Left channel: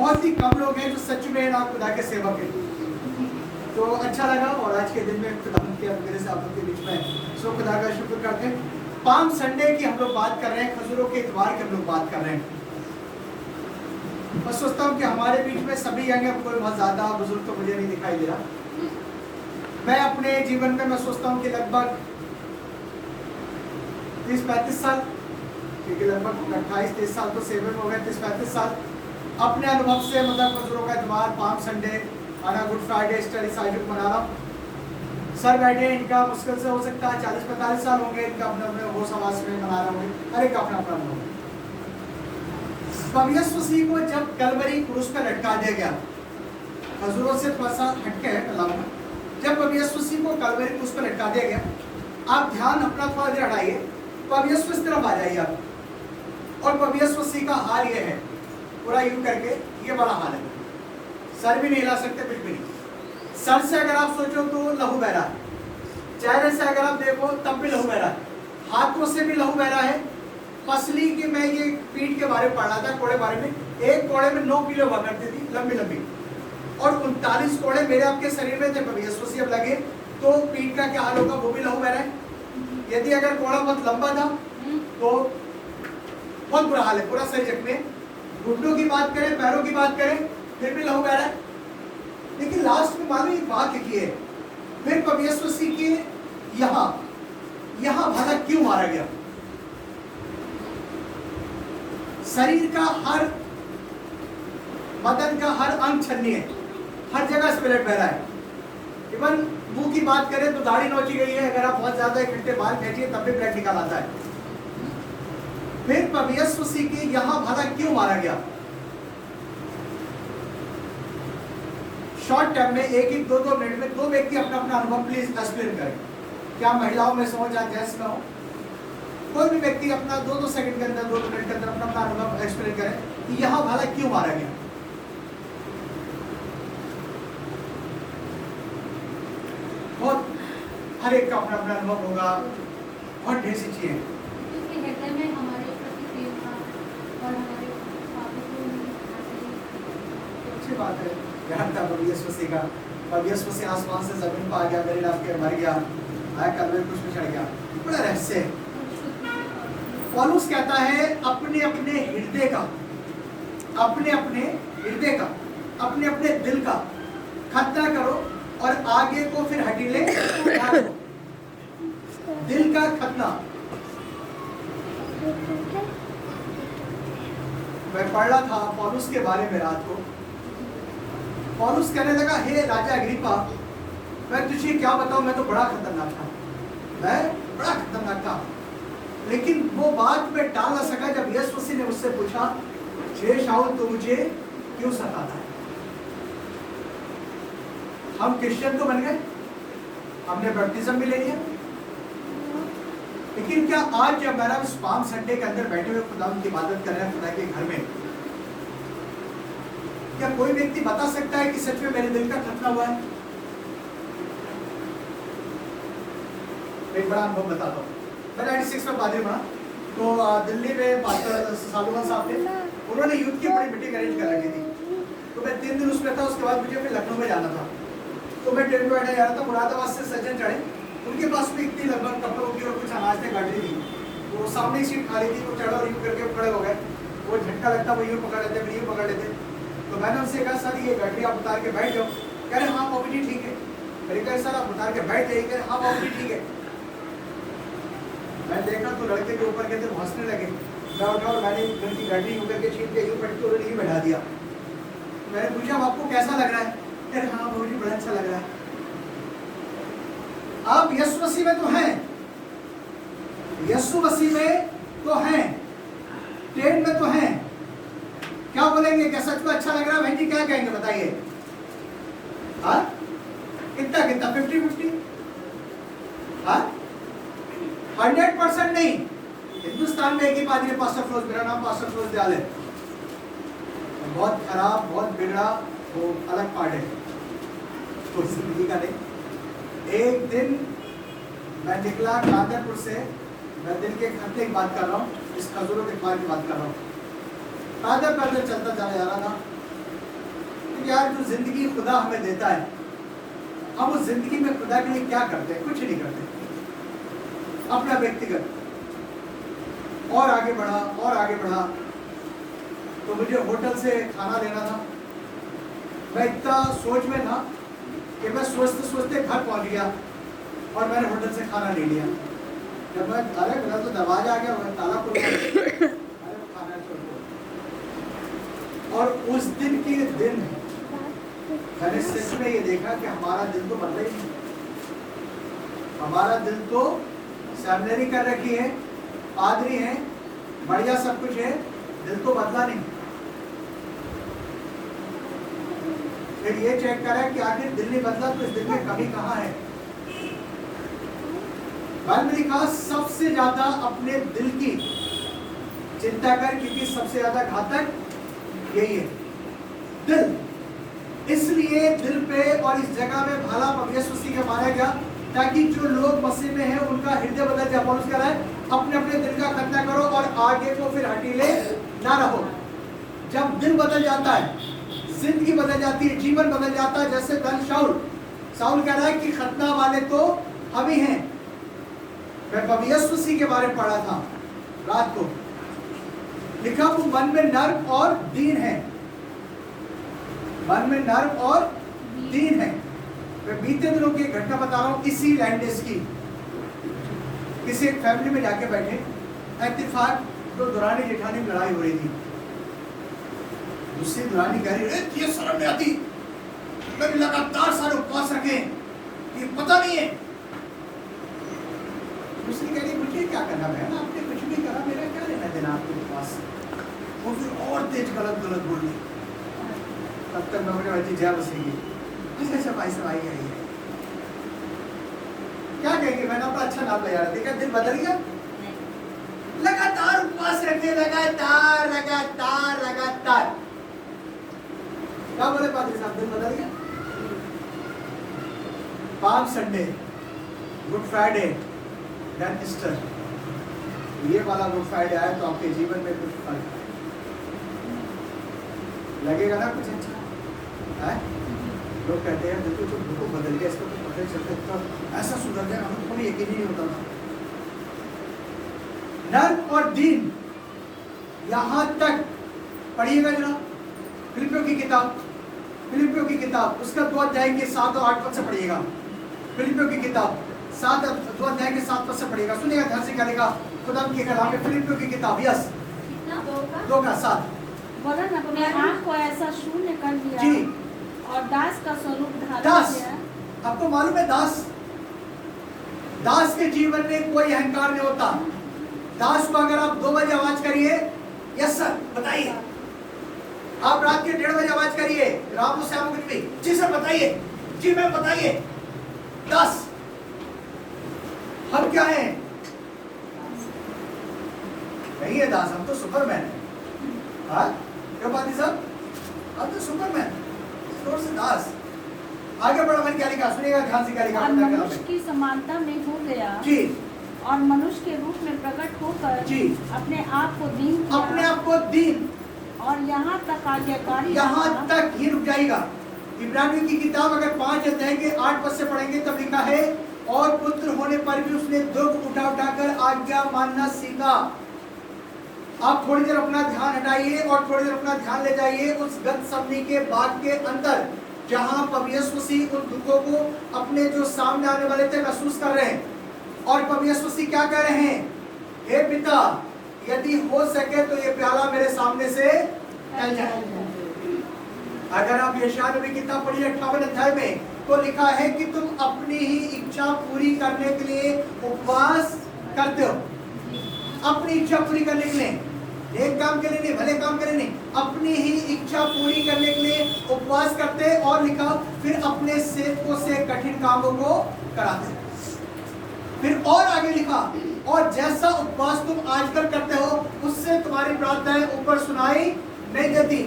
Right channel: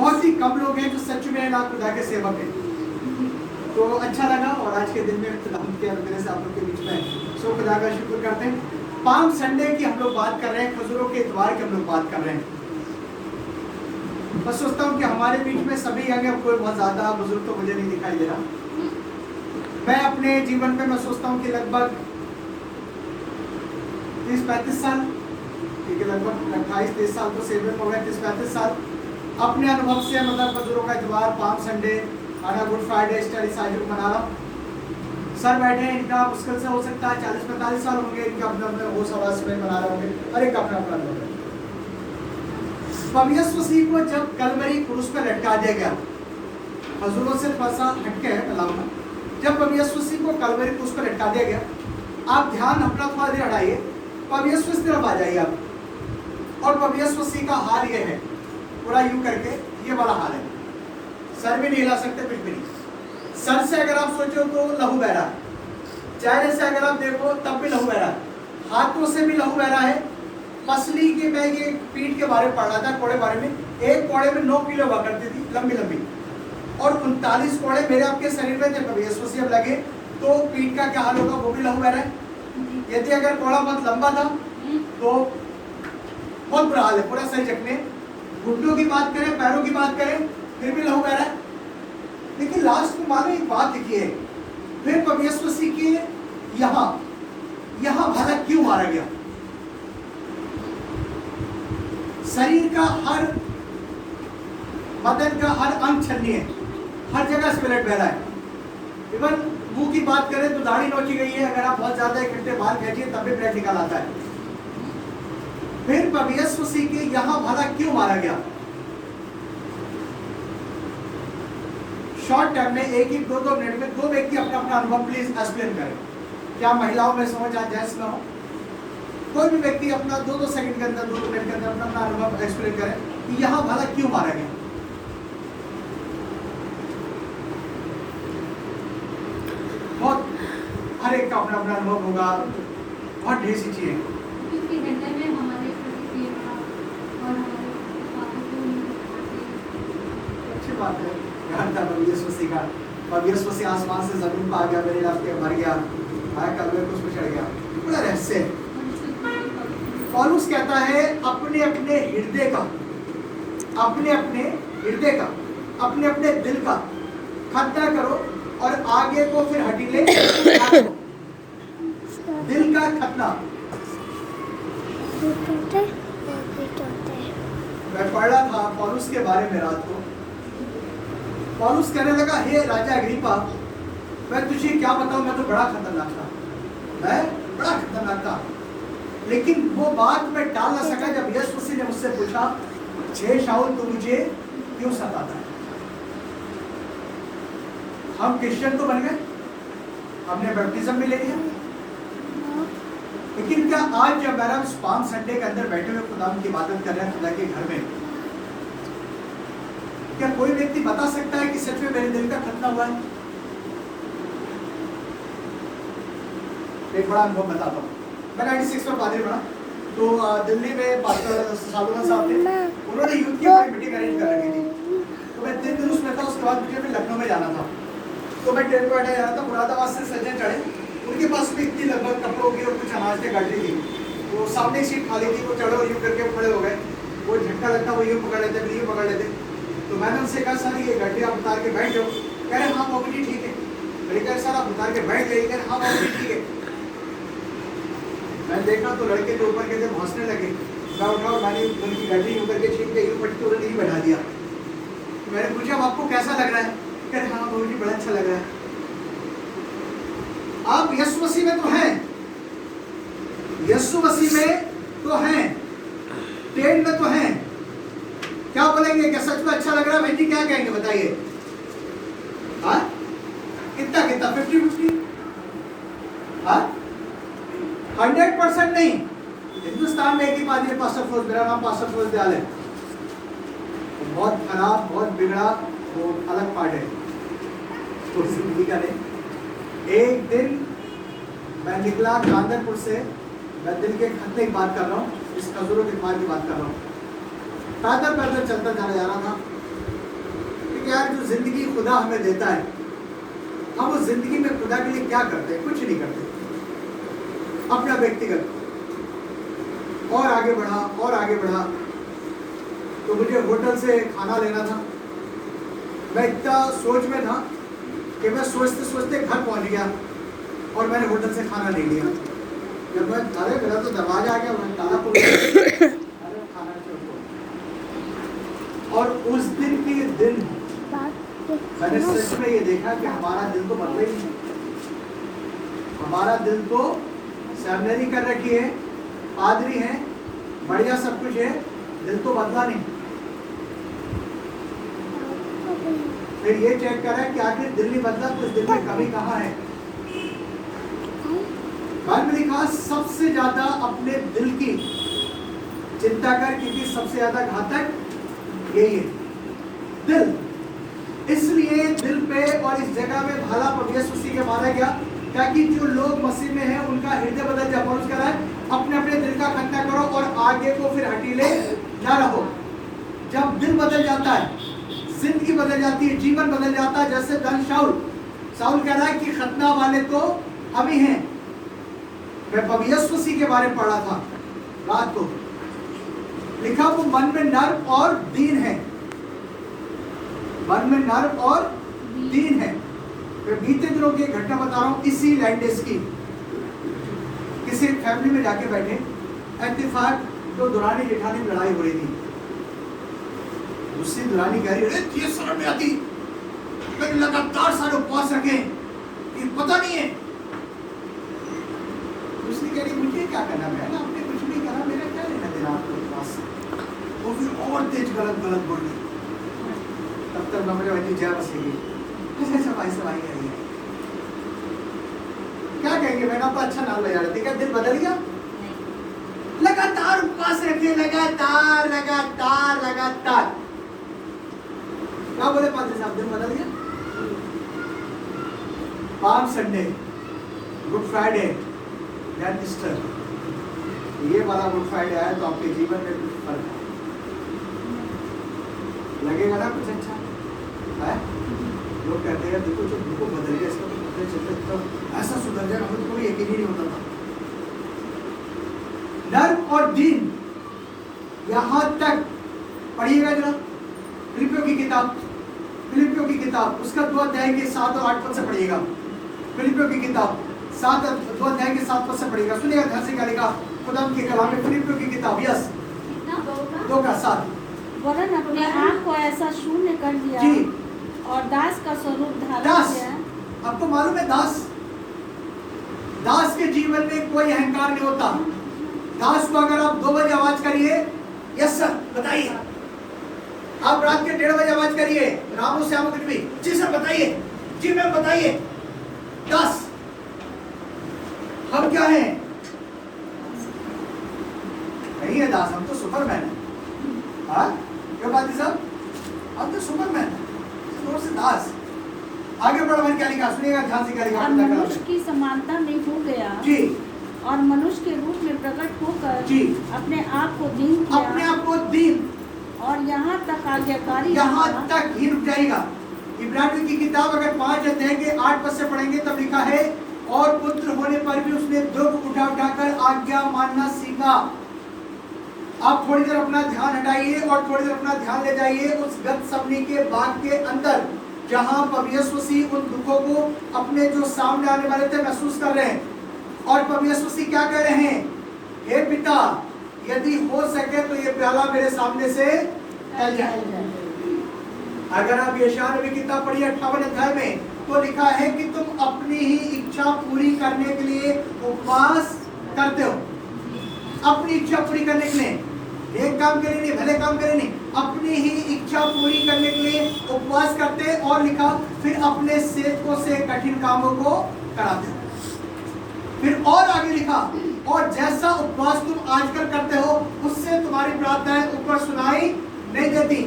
बहुत ही कम लोग हैं जो सच में ना खुदा के सेवक हैं। तो अच्छा लगा और आज के दिन में खुदा के अंदर से आप लोग के बीच में सो खुदा का शुक्र करते हैं। पाम संडे की हम लोग बात कर रहे हैं, खजूरों के इतवार की हम लोग बात कर रहे हैं। मैं सोचता हूँ कि हमारे बीच में सभी आएंगे, कोई बहुत ज़्यादा बुजुर्ग तो मुझे नहीं दिखाई दे रहा। मैं अपने जीवन में मैं सोचता हूँ कि लगभग 30-35 साल, क्योंकि लगभग 28-30 साल तो सेवन हो गए, 30-35 साल अपने अनुभव से मतलब खजूरों का इतवार, पाम संडे, आना गुड फ्राइडे, ईस्टर ईसाई को मना रहा। सर बैठे हैं, इनका मुश्किल से हो सकता है 40-45 साल होंगे, इनका अपने अपने होश आवास में मना रहे होंगे और एक अपना अपना अनुभव है। यीशु मसीह को जब कलवरी क्रूस पर लटका दिया गया, हजूरों से थोड़ा सा हटके है अलावा, जब यीशु मसीह को कलवरी क्रूस पर लटका दिया गया, आप ध्यान अपना थोड़ा देर हटाइए, यीशु इस तरफ आ जाइए आप, और यीशु मसीह का हाल ये है, पूरा यूं करके ये वाला हाल है, सर भी नहीं हिला सकते, कुछ भी नहीं। सर से अगर आप सोचो तो लहू बह रहा है, चेहरे से अगर आप देखो तब भी लहू बह रहा है, हाथों से भी लहू बह रहा है। पसली की मैं ये पीठ के बारे में पढ़ रहा था, कोड़े बारे में, एक कोड़े में 9 किलो हुआ करती थी, लंबी लंबी, और 39 कोड़े मेरे आपके शरीर में थे। कभी यीशु मसीह अब लगे तो पीठ का क्या हाल होगा, वो भी लहू बह रहा है। यदि अगर कोड़ा बहुत लंबा था तो बहुत बुरा हाल है, पूरा सही जख्मे। घुटनों की बात करें, पैरों की बात करें, फिर भी लहू बह रहा है। लेकिन लास्ट में मानो एक बात लिखी है, फिर यीशु मसीह के यहाँ भला क्यों मारा गया। शरीर का हर, बदन का हर अंग छन्नी है, हर जगह से ब्लड बह रहा है। इवन मुंह की बात करें तो दाढ़ी नोची गई है, अगर आप बहुत ज्यादा इकट्ठे बाल खींचिए तब भी ब्लड निकाल आता है। फिर यीशु मसीह के यहाँ भला क्यों मारा गया। शॉर्ट टाइम में एक 2 मिनट में 2 व्यक्ति अपना अपना अनुभव प्लीज एक्सप्लेन करें। क्या महिलाओं में समझ या जेंट्स में हो, कोई भी व्यक्ति अपना 2 सेकंड के अंदर, 2 मिनट के अंदर अपना अपना अनुभव एक्सप्लेन करें कि यहाँ भला क्यों मारा गया। बहुत हर एक का अपना अपना अनुभव होगा, बहुत ढेर सी चीजें। अच्छी बात है, ध्यान था यीशु मसीह का, और यीशु मसीह आसमान से जमीन पर आ गया, मेरे नाम के मर गया, आया कलवरी क्रूस पर चढ़ गया, बड़ा रहस्य है। पौलुस कहता है अपने अपने हृदय का, अपने अपने हृदय का, अपने अपने दिल का खतना करो और आगे को फिर हटीले दिल का खतना। मैं पढ़ रहा था पौलुस के बारे में रात को, पौलुस कहने लगा, हे राजा अग्रिप्पा, मैं तुझे क्या बताऊं, मैं तो बड़ा खतरनाक था, मैं बड़ा खतरनाक था। लेकिन वो बात मैं टाल ना सका जब यीशु मसीह ने मुझसे पूछा, हे शाऊल तू मुझे क्यों सताता है। हम क्रिश्चियन तो बन गए, हमने बपतिस्म भी ले लिया, लेकिन क्या आज जब मेरा पाम संडे के अंदर बैठे हुए खुदा की इबादत कर रहे हैं खुदा के घर में, क्या कोई व्यक्ति बता सकता है कि सच में मेरे दिल का खतना हुआ है। एक बड़ा अनुभव बताता हूँ। मैं 96 में पादरी बना, तो दिल्ली में पास्टर सालुमन साहब थे, उन्होंने यूथ की बड़ी मीटिंग अरेंज कर रखी थी। तो मैं 3 दिन उसमें था, उसके बाद मुझे फिर लखनऊ में जाना था। तो मैं ट्रेन में बैठा जा रहा था, मुरादाबाद से सज्जन चढ़े, उनके पास भी इतनी लगभग कपड़ों की और कुछ अनाज की गाड़ी थी, तो सामने एक सीट खाली थी, वो चढ़े और यूँ करके खड़े हो गए, वो झटका लगता वो यूँ पकड़ लेते, यूँ पकड़ लेते। तो मैंने उनसे कहा सर ये गड्ढे आप उतार के बैठ जाओ। कह रहे हाँ बाबू जी ठीक है। मैंने कहा सर आप उतार के बैठ जाइए। कह रहे हाँ बाबू जी ठीक है। मैंने देखा तो लड़के के ऊपर कहते हंसने लगे। मैं उठा और मैंने उनकी गड्ढी यूँ करके छीन के यूँ पट्टी उन्होंने नहीं बैठा दिया। मैंने पूछा आपको कैसा लग रहा है। कह रहे हाँ बाबू जी बड़ा अच्छा लग रहा है। आप यीशु मसीह में तो हैं, यीशु मसीह में तो हैं, ट्रेन में तो हैं, क्या बोलेंगे, क्या सच में अच्छा लग रहा है भाई जी, क्या कहेंगे बताइए। हाँ कितना कितना 50-50, हाँ 100% नहीं। हिंदुस्तान में एक ही पादरी पास्टर फिरोज, मेरा नाम पास्टर फिरोज दयाल है, बहुत खराब बहुत बिगड़ा, वो अलग पार्ट है, तो जिंदगी का नहीं। एक दिन मैं निकला कांदरपुर से, मैं दिल के खतने की बात कर रहा हूँ, इस खजूरों के इतवार की बात कर रहा हूँ। पैदल पैदल चलता जा रहा था, प्यार जो जिंदगी खुदा हमें देता है, हम उस जिंदगी में खुदा के लिए क्या करते हैं? कुछ नहीं करते। अपना व्यक्तिगत और आगे बढ़ा और आगे बढ़ा। तो मुझे होटल से खाना लेना था। मैं इतना सोच में था कि मैं सोचते सोचते घर पहुंच गया और मैंने होटल से खाना ले लिया। जब मैं अरे मेरा तो दरवाजा आ गया, मैं ताला खोल अरे खाना छोड़। और उस दिन के दिन मैंने सच में ये देखा कि हमारा दिल तो बदला ही नहीं। हमारा दिल तो सेमिनरी कर रखी है, पादरी है, बढ़िया सब कुछ है, दिल तो बदला नहीं। फिर ये चेक करा कि आखिर दिल नहीं बदला तो इस दिल में कमी कहाँ है। बाइबल में लिखा सबसे ज्यादा अपने दिल की चिंता कर, क्योंकि सबसे ज्यादा घातक यही है दिल। इसलिए दिल पे और इस जगह में भाला प्रभु यीशु मसीह के मारा गया, ताकि जो लोग मसीह में हैं उनका हृदय बदल जाए। पौलुस कह रहा है अपने अपने दिल का खतना करो और आगे को फिर हटीले ना रहो। जब दिल बदल जाता है, जिंदगी बदल जाती है, जीवन बदल जाता है। जैसे धन शाऊल कह रहा है कि खतना वाले तो हम ही हैं। मैं प्रभु यीशु मसीह के बारे में पढ़ा था रात को, लिखा वो मन में नर्म और दीन है, मन में नर्म और दीन है। मैं बीते दिनों की घटना बता रहा हूँ इसी लैंडेस की। किसी एक फैमिली में जाके बैठे, इत्तेफाक तो दुरानी जेठानी में लड़ाई हो रही थी। उससे दुरानी कह रही है ये शर्म नहीं आती, कभी लगातार सारे उपवास रखे, ये पता नहीं है। दूसरी कह रही मुझे क्या करना, बहन आपने कुछ नहीं करा, मेरा क्या लेना देना आपके उपवास से। वो फिर और तेज गलत बोल रही। तब तक मेरे भाई जय मसीह की ऐसा भाई से भाई है क्या कहेंगे, मैंने आपका अच्छा नाम ले जा रहा था, दिल बदल गया। लगातार उपवास रखे, लगातार लगातार लगातार। क्या बोले पादरी साहब, दिल बदल गया। Palm Sunday, Good Friday, then Easter, ये वाला गुड फ्राइडे आया तो आपके जीवन में कुछ फर्क है, लगेगा ना कुछ अच्छा है। लोग कहते हैं देखो जो बिल्कुल बदल गया, इसको तो पता चलता तो ऐसा सुधर जाएगा, हमें तो कोई यकीन ही नहीं होता था। नर्म और दीन, यहां तक पढ़िएगा जरा फिलिपियों की किताब उसका 2 अध्याय के 7 और 8 पद से पढ़िएगा। फिलिपियों की किताब 2 अध्याय के 7 पद से पढ़िएगा। सुनिएगा ध्यान से क्या लिखा खुदा के कलाम में। फिलिपियों की किताब 2 का 7, वरन अपने आप को ऐसा शून्य कर दिया जी, और दास का स्वरूप धारण दास। किया। आपको मालूम है दास के जीवन में कोई अहंकार नहीं होता। दास को अगर आप 2 बजे आवाज करिए, यस सर बताइए, आप रात के 1:30 बजे आवाज करिए, रामू श्यामू कुछ भी, जी सर बताइए, जी मैम बताइए। दास। हम क्या हैं? नहीं है दास, हम तो सुपरमैन है। हाँ क्यों बात साहब, हम तो सुपरमैन, थोड़ा से दास। आगे बढ़ो, मैंने क्या लिखा सुनिएगा ध्यान से क्या लिखा। और मनुष्य की समानता में हो गया जी, और मनुष्य के रूप में प्रकट होकर जी अपने आप को दीन किया, अपने आप को दीन, और यहाँ तक आज्ञाकारी यहाँ रहा। तक ही रुक जाएगा। इब्रानियों की किताब अगर 5 अध्याय के 8 पद से पढ़ेंगे तब लिखा है और पुत्र होने पर भी उसने दुख उठा उठाकर आज्ञा मानना सीखा। आप थोड़ी देर अपना ध्यान हटाइए और थोड़ी देर अपना ध्यान ले जाइए उस गतसमनी के बाग के अंदर, जहां प्रभु यीशु मसीह उन दुखों को अपने जो सामने आने वाले थे महसूस कर रहे हैं। और प्रभु यीशु मसीह क्या कह रहे हैं, हे पिता यदि हो सके तो ये प्याला मेरे सामने से टल जाए। अगर आप यशायाह नबी की किताब पढ़िए 58 अध्याय में, तो लिखा है कि तुम अपनी ही इच्छा पूरी करने के लिए उपवास करते हो। अपनी इच्छा पूरी करने के लिए, नेक काम के लिए नहीं, भले काम के लिए नहीं, अपनी ही इच्छा पूरी करने के लिए उपवास करते। और लिखा फिर अपने सेवकों से कठिन कामों को कराते। फिर और आगे लिखा और जैसा उपवास तुम आजकल करते हो उससे तुम्हारी प्रार्थनाएं ऊपर सुनाई नहीं देती।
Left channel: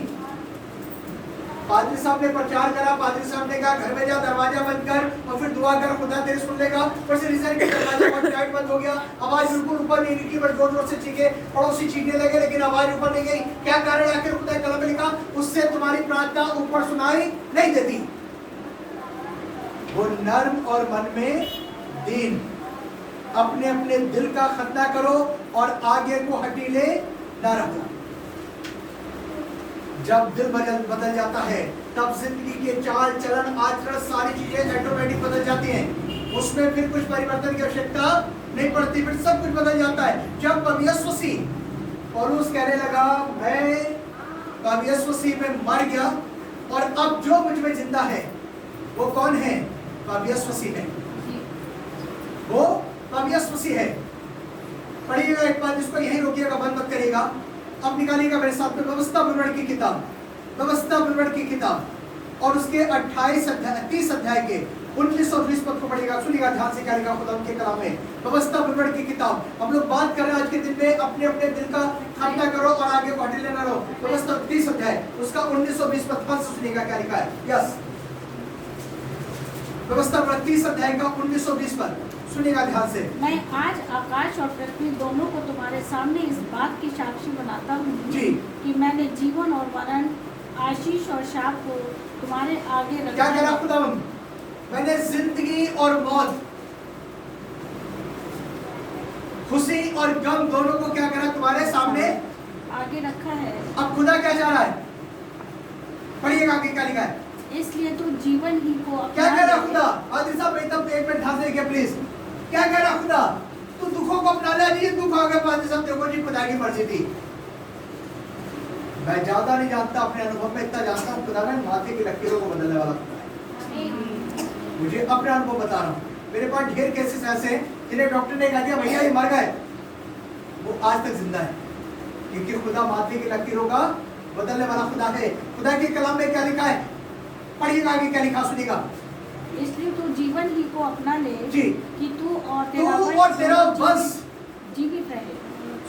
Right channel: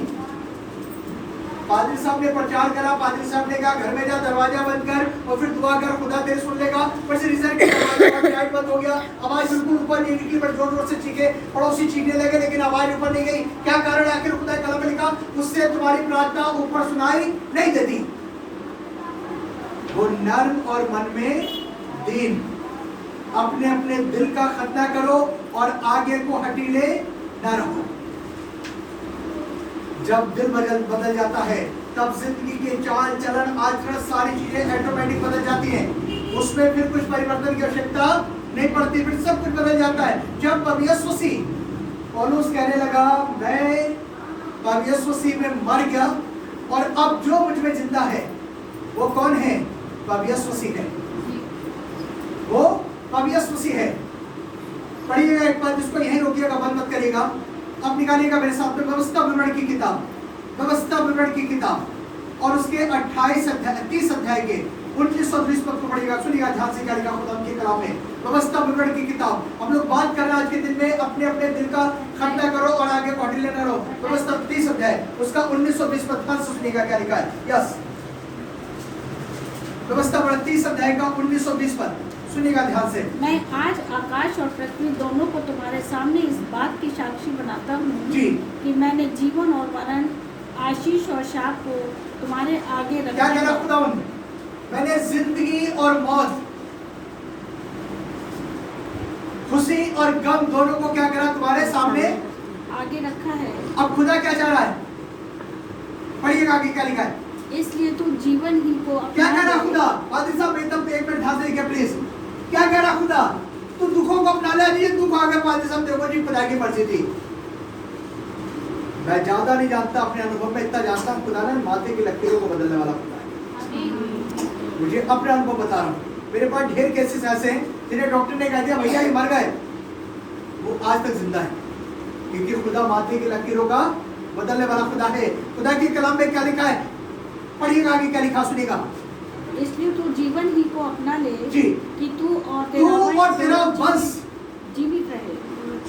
पादरी साहब ने प्रचार करा, पादरी साहब ने कहा घर में जा, दरवाजा बंद कर और फिर दुआ कर, खुदा तेरे सुन लेगा। पर से रिजल्ट की दरवाजा बंद हो गया, आवाज बिल्कुल ऊपर नहीं निकली, पर जोर जोर से चीखे, पड़ोसी चीखने लगे लेकिन आवाज ऊपर नहीं गई। क्या कारण? आखिर खुदा कलम में लिखा, उससे तुम्हारी प्रार्थना ऊपर सुनाई नहीं देती। वो नर्म और मन में दीन। अपने अपने दिल का खतना करो और आगे को हटीले न रहो। जब दिल बदल जाता है तब जिंदगी के चाल चलन आचरण सारी चीजें ऑटोमेटिक बदल जाती हैं। उसमें फिर कुछ परिवर्तन की आवश्यकता नहीं पड़ती, फिर सब कुछ बदल जाता है। जब पवियस मसीह पौलुस कहने लगा मैं पवियस मसीह में मर गया और अब जो मुझ में जिंदा है वो कौन है? पवियस मसीह है, वो पवियस मसीह है। पढ़िएगा एक बार, इसको यहीं रोकिएगा, बंद मत करिएगा। अब निकालिएगा मेरे साथ में व्यवस्था विवरण की किताब, व्यवस्था विवरण की किताब और उसके 30 अध्याय के 19 और 20 पद को पढ़िएगा। सुनिएगा ध्यान से, क्या लिखा खुदा के कलाम में। व्यवस्था विवरण की किताब। हम लोग बात कर रहे हैं आज के दिन में अपने अपने दिल का खतना करो और आगे बढ़ लेना रहो। व्यवस्था 30 अध्याय उसका 19 और 20 पद, ध्यान से सुनिएगा क्या लिखा है। यस, व्यवस्था 30 अध्याय का 19 और 20 पद सुनिएगा ध्यान से। मैं आज आकाश और पृथ्वी दोनों को तुम्हारे सामने इस बात की साक्षी बनाता हूँ जी कि मैंने जीवन और मरण, आशीष और शाप को तुम्हारे आगे रखा। क्या कह रहा खुदावंद? मैंने जिंदगी और मौत, खुशी और गम दोनों को क्या करा? तुम्हारे सामने आगे रखा है। अब खुदा क्या चाह रहा है? पढ़िएगा आगे क्या लिखा है। इसलिए तू जीवन ही को क्या कह रहा खुदा? आदि साहब एकदम एक मिनट ध्यान से देखिए प्लीज। क्या कह रहा खुदा? तू दुखों को अपना ले। नहीं दुख आ गया, आदि साहब देखो जी खुदा की मर्जी थी। मैं ज्यादा नहीं जानता, अपने अनुभव में इतना जानता हूँ, खुदा ने माथे की लकीरों को बदलने वाला खुदा है। मुझे अपने अनुभव बता रहा हूँ। मेरे पास ढेर केसेस ऐसे हैं जिन्हें डॉक्टर ने कह दिया भैया ये मर गए, वो आज तक जिंदा है, क्योंकि खुदा माथे की लकीरों का बदलने वाला खुदा है। खुदा के कलाम में क्या लिखा है? पढ़िएगा आगे क्या लिखा, सुनिएगा। इसलिए तू जीवन ही को अपना ले जी, कि तू और तेरा वंश जीवित रहे।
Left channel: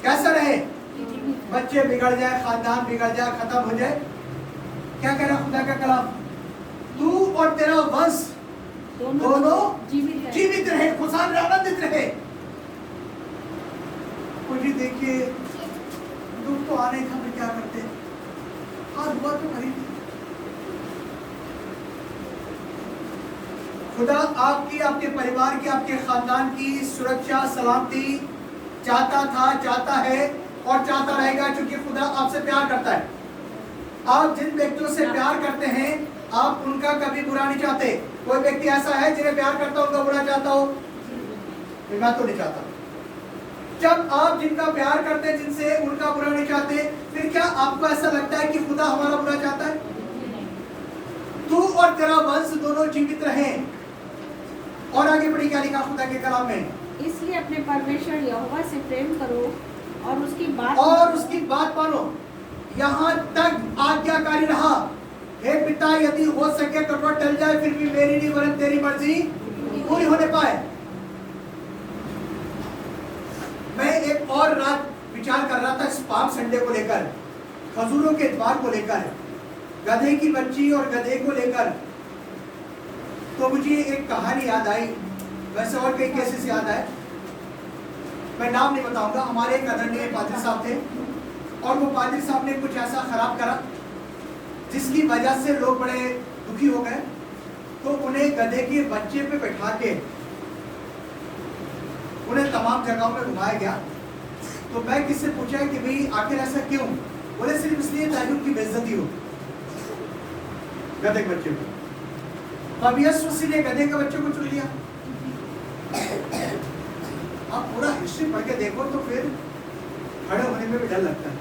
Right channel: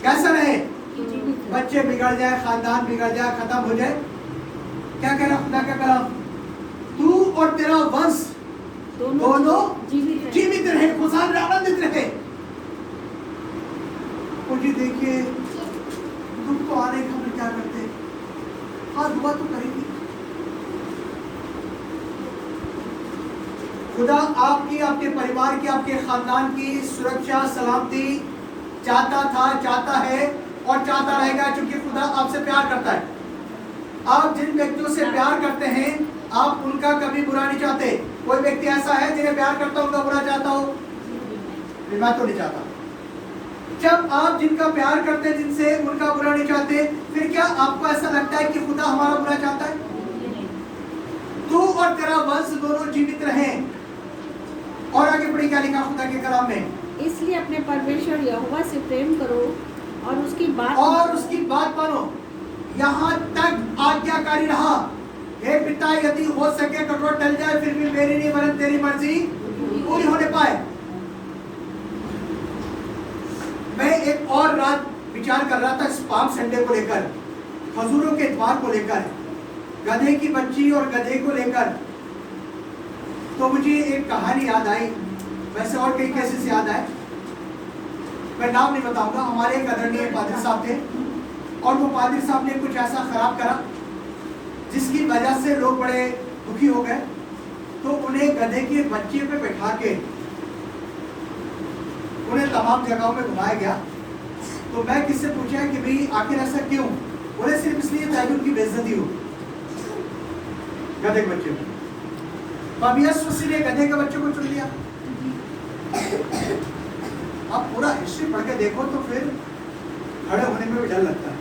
कैसा रहे? जीवित रहे। बच्चे बिगड़ जाए, खानदान बिगड़ जाए, खत्म हो जाए। क्या कह रहा खुदा का कलाम? तू और तेरा वंश दोनों जीवित रहे, खुशहाल आनंदित रहे। मुझे देखिए दुख तो आने का, हम क्या करते? हाँ दुआ तो करेंगे। खुदा आपकी, आपके परिवार की, आपके खानदान की सुरक्षा सलामती चाहता था, चाहता है और चाहता रहेगा, क्योंकि खुदा आपसे प्यार करता है। आप जिन व्यक्तियों से प्यार करते हैं आप उनका कभी बुरा नहीं चाहते। कोई व्यक्ति ऐसा है जिन्हें प्यार करता हो उनका बुरा चाहता हो? मैं तो नहीं चाहता। जब आप जिनका प्यार करते हैं, जिनसे उनका बुरा नहीं चाहते, फिर क्या आपको ऐसा लगता है कि खुदा हमारा बुरा चाहता है? तू और तेरा वंश दोनों जीवित रहें। और आगे बढ़ी क्या लिखा खुदा के कलाम में? इसलिए अपने परमेश्वर यहोवा से प्रेम करो और उसकी बात मानो। यहाँ तक आज्ञाकारी रहा, हे पिता यदि हो सके तो टल जाए, फिर भी मेरी नहीं वरन तेरी मर्जी पूरी होने पाए। मैं एक और रात विचार कर रहा था इस पाम संडे को लेकर, खजूरों के द्वार को लेकर, गधे की बच्ची और गधे को लेकर। तो मुझे एक कहानी याद आई, वैसे और कई केसेस याद आए, मैं नाम नहीं बताऊंगा। हमारे एक आदरणीय पादरी साहब थे और वो पादरी साहब ने कुछ ऐसा खराब करा जिसकी वजह से लोग बड़े दुखी हो गए। तो उन्हें गधे के बच्चे पे बैठा के उन्हें तमाम जगहों में घुमाया गया। तो मैं किससे पूछा कि भाई आखिर ऐसा क्यों? बोले सिर्फ इसलिए ताकि उनकी बेइज्जती हो गधे के बच्चे में। पवियस मसीह ने गधे के बच्चे को चुन लिया। आप पूरा हिस्ट्री पढ़ के देखो तो फिर खड़े होने में भी डर लगता है।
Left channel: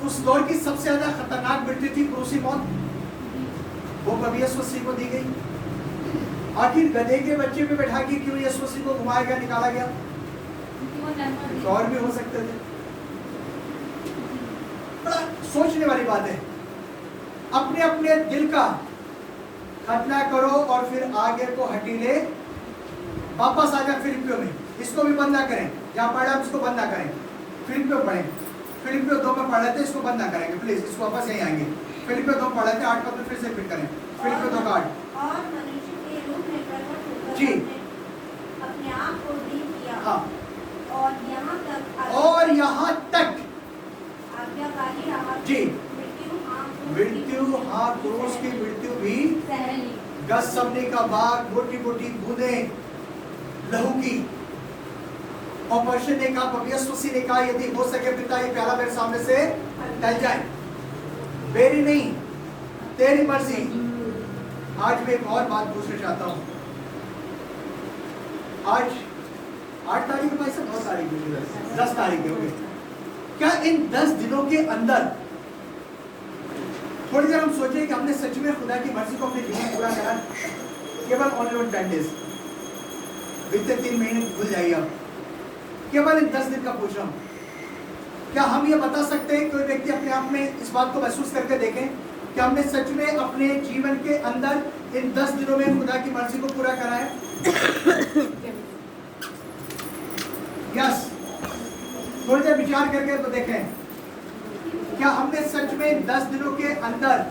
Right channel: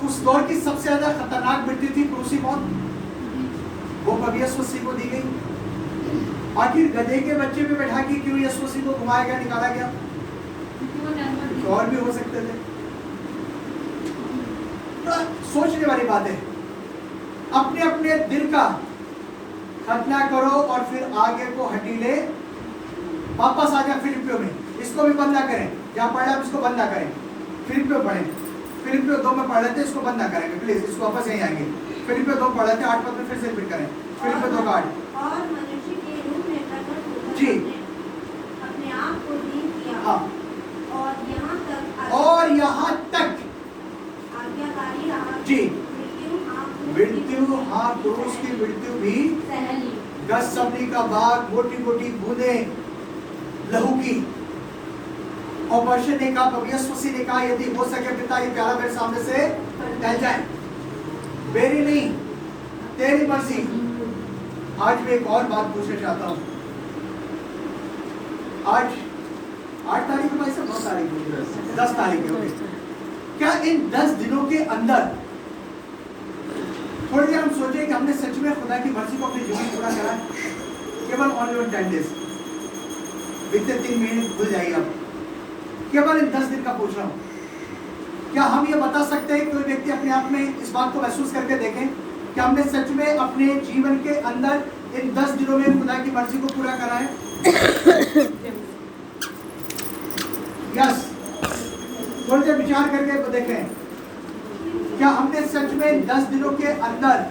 उस दौर की सबसे ज्यादा खतरनाक मृत्यु थी क्रूसी मौत, वो पवियस मसीह को दी गई। आखिर गधे के बच्चे पे बैठा के क्यों यीशु मसीह को घुमाया गया, निकाला गया? और भी हो सकते थे। बड़ा सोचने वाली बात है। अपने अपने दिल का खतना करो और फिर आगे को हटीले वापस आ जाए। फिलिपियों में इसको भी बंद ना करें, जहां पढ़ा इसको बंद ना करें। फिलिपियों पढ़ें फिलिपियों 2 में पढ़ लेते हैं, इसको बंद ना करेंगे प्लीज, इसको वापस यहीं आएंगे। फिलिपियों 2 पढ़ लेते हैं, 8 पद में फिर से रिपीट करें। फिलिपियों 2 का 8। और मनुष्य के रूप में प्रकट होकर जी। अपने आप को दीन किया। हाँ। और यहाँ तक आज्ञाकारी रहा। जी। मृत्यु हाँ, क्रूस की मृत्यु भी सहली। गसमनी का भाग, मोटी मोटी बूंदे लहू की। और परमेश्वर ने कहा, प्रभु यीशु मसीह ने कहा, यदि हो सके पिता ये प्याला मेरे सामने से टल जाए, मेरी नहीं तेरी मर्जी। आज मैं एक और बात पूछना चाहता हूँ। आज 8 तारीख भाई साहब, 9 तारीख है, 10 तारीख है। ओके, क्या इन 10 दिनों के अंदर थोड़ी देर हम सोचे कि हमने सच में खुदा की मर्जी को अपने जीवन में पूरा करा? केवल ओनली 10 डेज, बीते 3 महीने भूल जाइए आप, केवल इन 10 दिन का पूछ रहा हूं। क्या हम ये बता सकते हैं, कोई व्यक्ति अपने आप में इस बात को महसूस करके देखें कि हमने सच में अपने जीवन के अंदर इन 10 दिनों में खुदा की मर्जी को पूरा करा है? यस। थोड़ी देर विचार करके देखें, क्या हमने सच में 10 दिनों के अंदर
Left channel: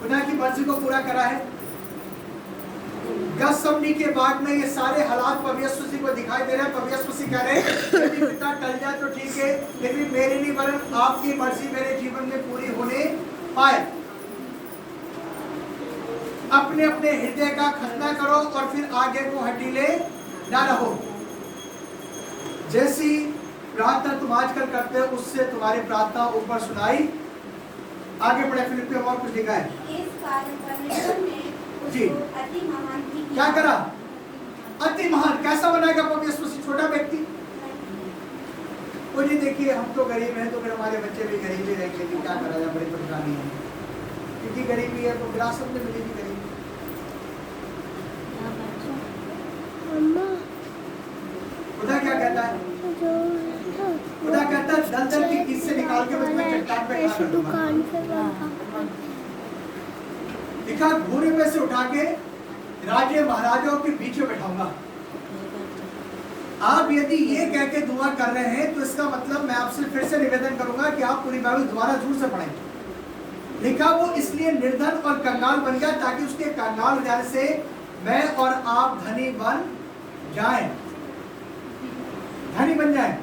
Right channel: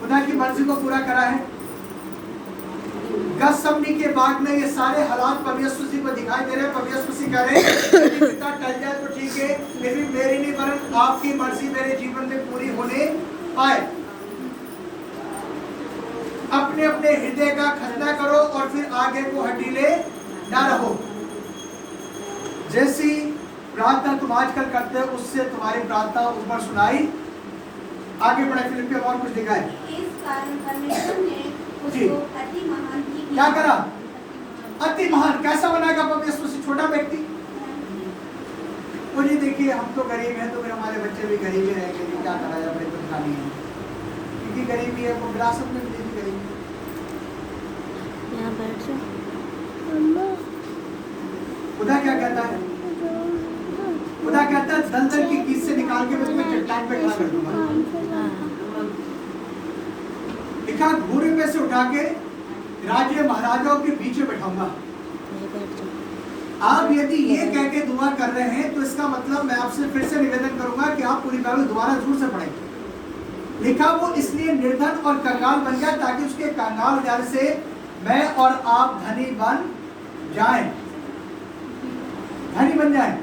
खुदा की मर्जी को पूरा करा है? गसमनी के बाद में ये सारे हालात प्रभु यीशु मसीह को दिखाई दे रहे हैं। प्रभु यीशु मसीह कह रहे हैं कि पिता टल जाए तो ठीक है, लेकिन मेरी नहीं वरन आपकी मर्जी मेरे जीवन में पूरी होने पाए। अपने अपने हृदय का खतना करो और फिर आगे को हटीले ना रहो। जैसी प्रार्थना तुम आजकल करते हो उससे तुम्हारी प्रार्थना ऊपर सुनाई। आगे बढ़े, फिलिपियों में और कुछ लिखा है। इस कारण परमेश्वर ने जी। उसको अति महान भी क्या किया। करा? अति महान। कैसा बनाएगा प्रभु यीशु मसीह छोटा व्यक्ति? और ये देखिए, हम तो गरीब हैं तो फिर हमारे बच्चे भी गरीब ही रहेंगे, क्या करा जाए, बड़ी परेशानी है। क्योंकि गरीबी है तो विरासत में मिलेगी गरीबी। खुदा क्या कहता है? खुदा कहता है दलदल की कीच से निकाल के मैं तुम्हें चट्टान पे खड़ा कर दूंगा। लिखा, घूरे में से उठा के राजे महाराजाओं के बीच में बैठाऊंगा। आप यदि ये कह के दुआ कर रहे हैं तो इसका मतलब मैं आपसे फिर से निवेदन करूंगा कि आप पूरी बाइबल दोबारा जरूर से पढ़ें। लिखा, वो इसलिए निर्धन और कंगाल बन गया ताकि उसके कंगाल जाने से मैं और आप धनी बन जाएं। धनी बन जाएं।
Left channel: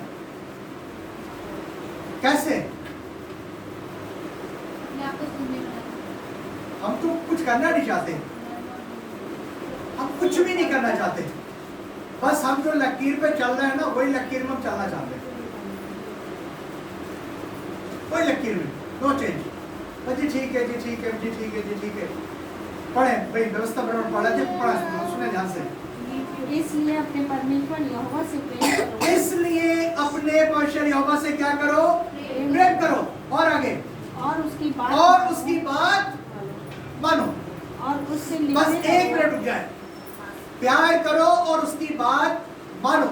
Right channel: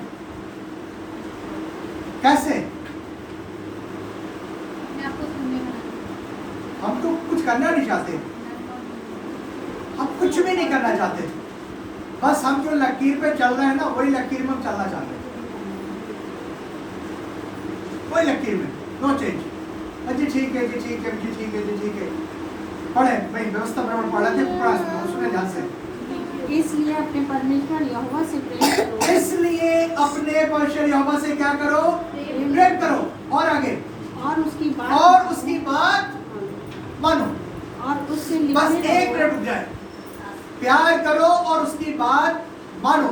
कैसे? हम तो कुछ करना नहीं चाहते, हम कुछ भी नहीं करना चाहते, बस हम जो लकीर पे चल रहे हैं ना वही लकीर में हम चलना चाहते हैं। वही लकीर में, नो चेंज। जी ठीक है, जी ठीक है, जी ठीक है, जी ठीक है। पढ़े भाई, व्यवस्था बराबर पढ़ा थे, पढ़ा सुने ध्यान से। इसलिए अपने परमेश्वर यहोवा से प्रेम करो। इसलिए अपने परमेश्वर यहोवा से क्या करो? प्रेम करो। और आगे, और उसकी बात मानो। और उससे बस लिखते एक रहो। मिनट रुक जाए। प्यार करो और उसकी बात मानो।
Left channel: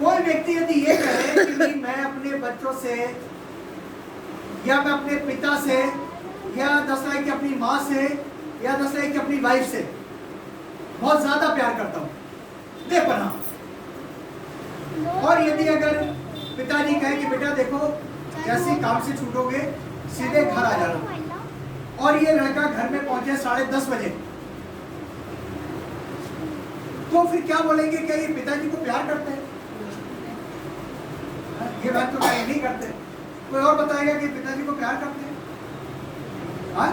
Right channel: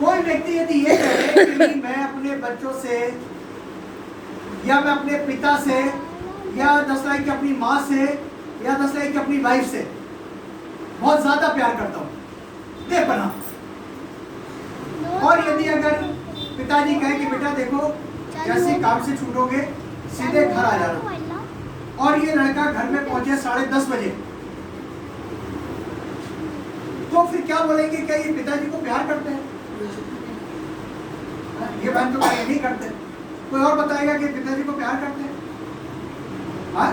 कोई व्यक्ति यदि ये कहे कि मैं अपने बच्चों से या मैं अपने पिता से या दसरा कि अपनी माँ से या दसरा कि अपनी वाइफ से बहुत ज्यादा प्यार करता हूँ, बेपनाह, और यदि अगर पिताजी कहे कि बेटा देखो जैसे काम से छूटोगे सीधे घर आ जाना, और ये लड़का घर में पहुंचे 10:30 बजे, तो फिर क्या बोलेंगे? क्या ये पिताजी को प्यार करते हैं? ये बात तो नहीं करते। कोई और बताएगा कि पिताजी को प्यार करते हैं? हाँ?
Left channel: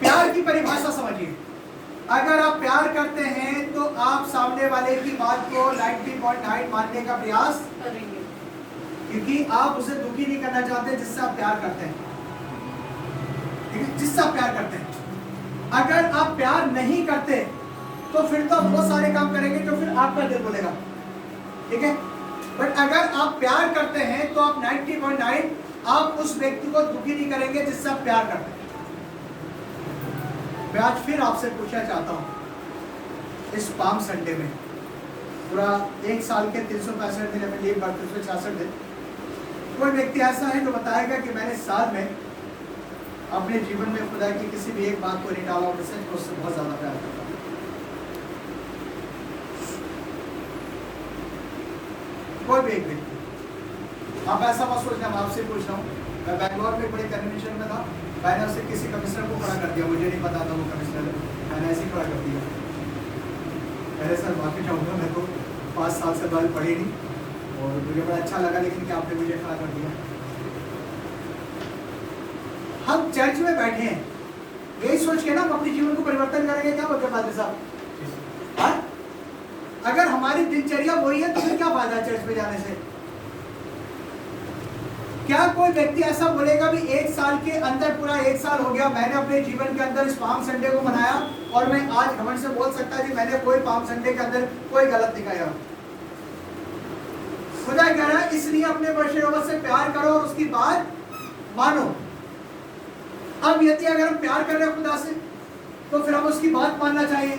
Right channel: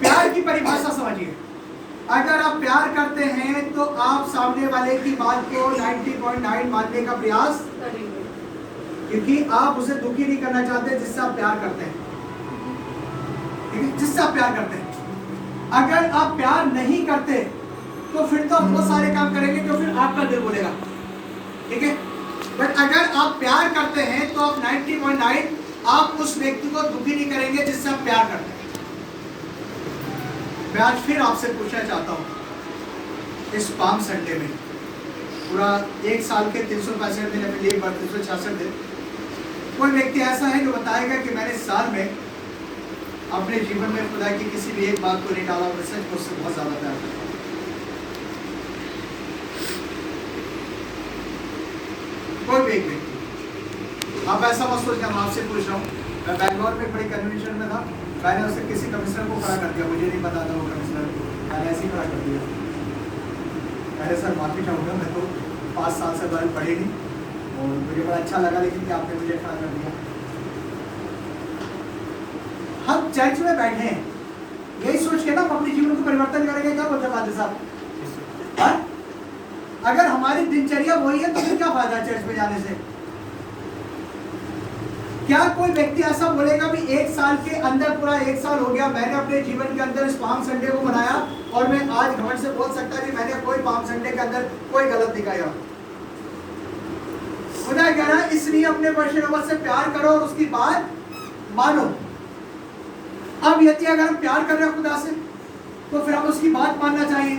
प्यार की परिभाषा समझिए। अगर आप प्यार करते हैं तो आप सामने वाले की बात को 90.9 मानने का प्रयास करेंगे, क्योंकि आप उसे दुखी नहीं करना चाहते जिससे आप प्यार करते हैं, जिससे आप प्यार करते हैं। अगर आप प्यार नहीं करते तो फिर तो आप बहुत सारे काम करेंगे जो फिर आपका दिल बोलेगा, ठीक है। बट अगर आप प्यार करते हैं तो आप 90.9 आप उस व्यक्ति को दुखी नहीं करेंगे जिससे आप प्यार करते हैं। मैं आज फिर आपसे पूछना चाहता हूँ, इस पाम संडे में पूरा 1 साल के 365 दिन अपने लिए 366 दिन, कोई व्यक्ति ऐसा है जो बताएगा कि मैंने साल में अपने जीवन में खुदा की किसी भी एक बात को नहीं डाला, मैं सच मुझसे बहुत ज्यादा प्यार करता हूँ। कोई भी एक व्यक्ति आप ऐसा मत सोचना, मैं आपसे पूछ रहा हूँ। मैं बैंगलोर में बड़े कन्वेंशन में था, मैंने उससे किसी कमिश्नर को खड़ा कर दिया, मुझे नहीं पता था वो कमिश्नर, मैंने ऐसे ही खड़ा कर दिया। अरे सर माफी चाहूँगा, मैं तो 5 साल से बारे पढ़े नहीं और मुझे बड़ा अच्छा लगा, लेकिन कि आपने मुझे खड़ा कर दिया। हम चर्च में बैठे हैं, यही सोच के ना हम अपने जीवन को परिवर्तन करेंगे। क्या बोलते पादरी साहब? अगर हमारी दिनचर्या वही है तो फिर क्या फायदा चर्च में जाने से? क्या कोई व्यक्ति ऐसा बोलेगा भी 1 साल के अंदर, पूरा 1 साल हो गया, मैंने अपने जीवन के अंदर इस पाम संडे को मनाया और मैं आज घमंड से बोल सकता है कि मैंने कोई पाम संडे के अंदर कोई गलत दिखाया? खुदा कह रहा है इसलिए अपने परमेश्वर से प्यार करो और उसकी बात मानो। अब यदि अगर हम प्यार कर रहे हैं खुदा से तो फिर हम उसकी बात मानना चाहिए।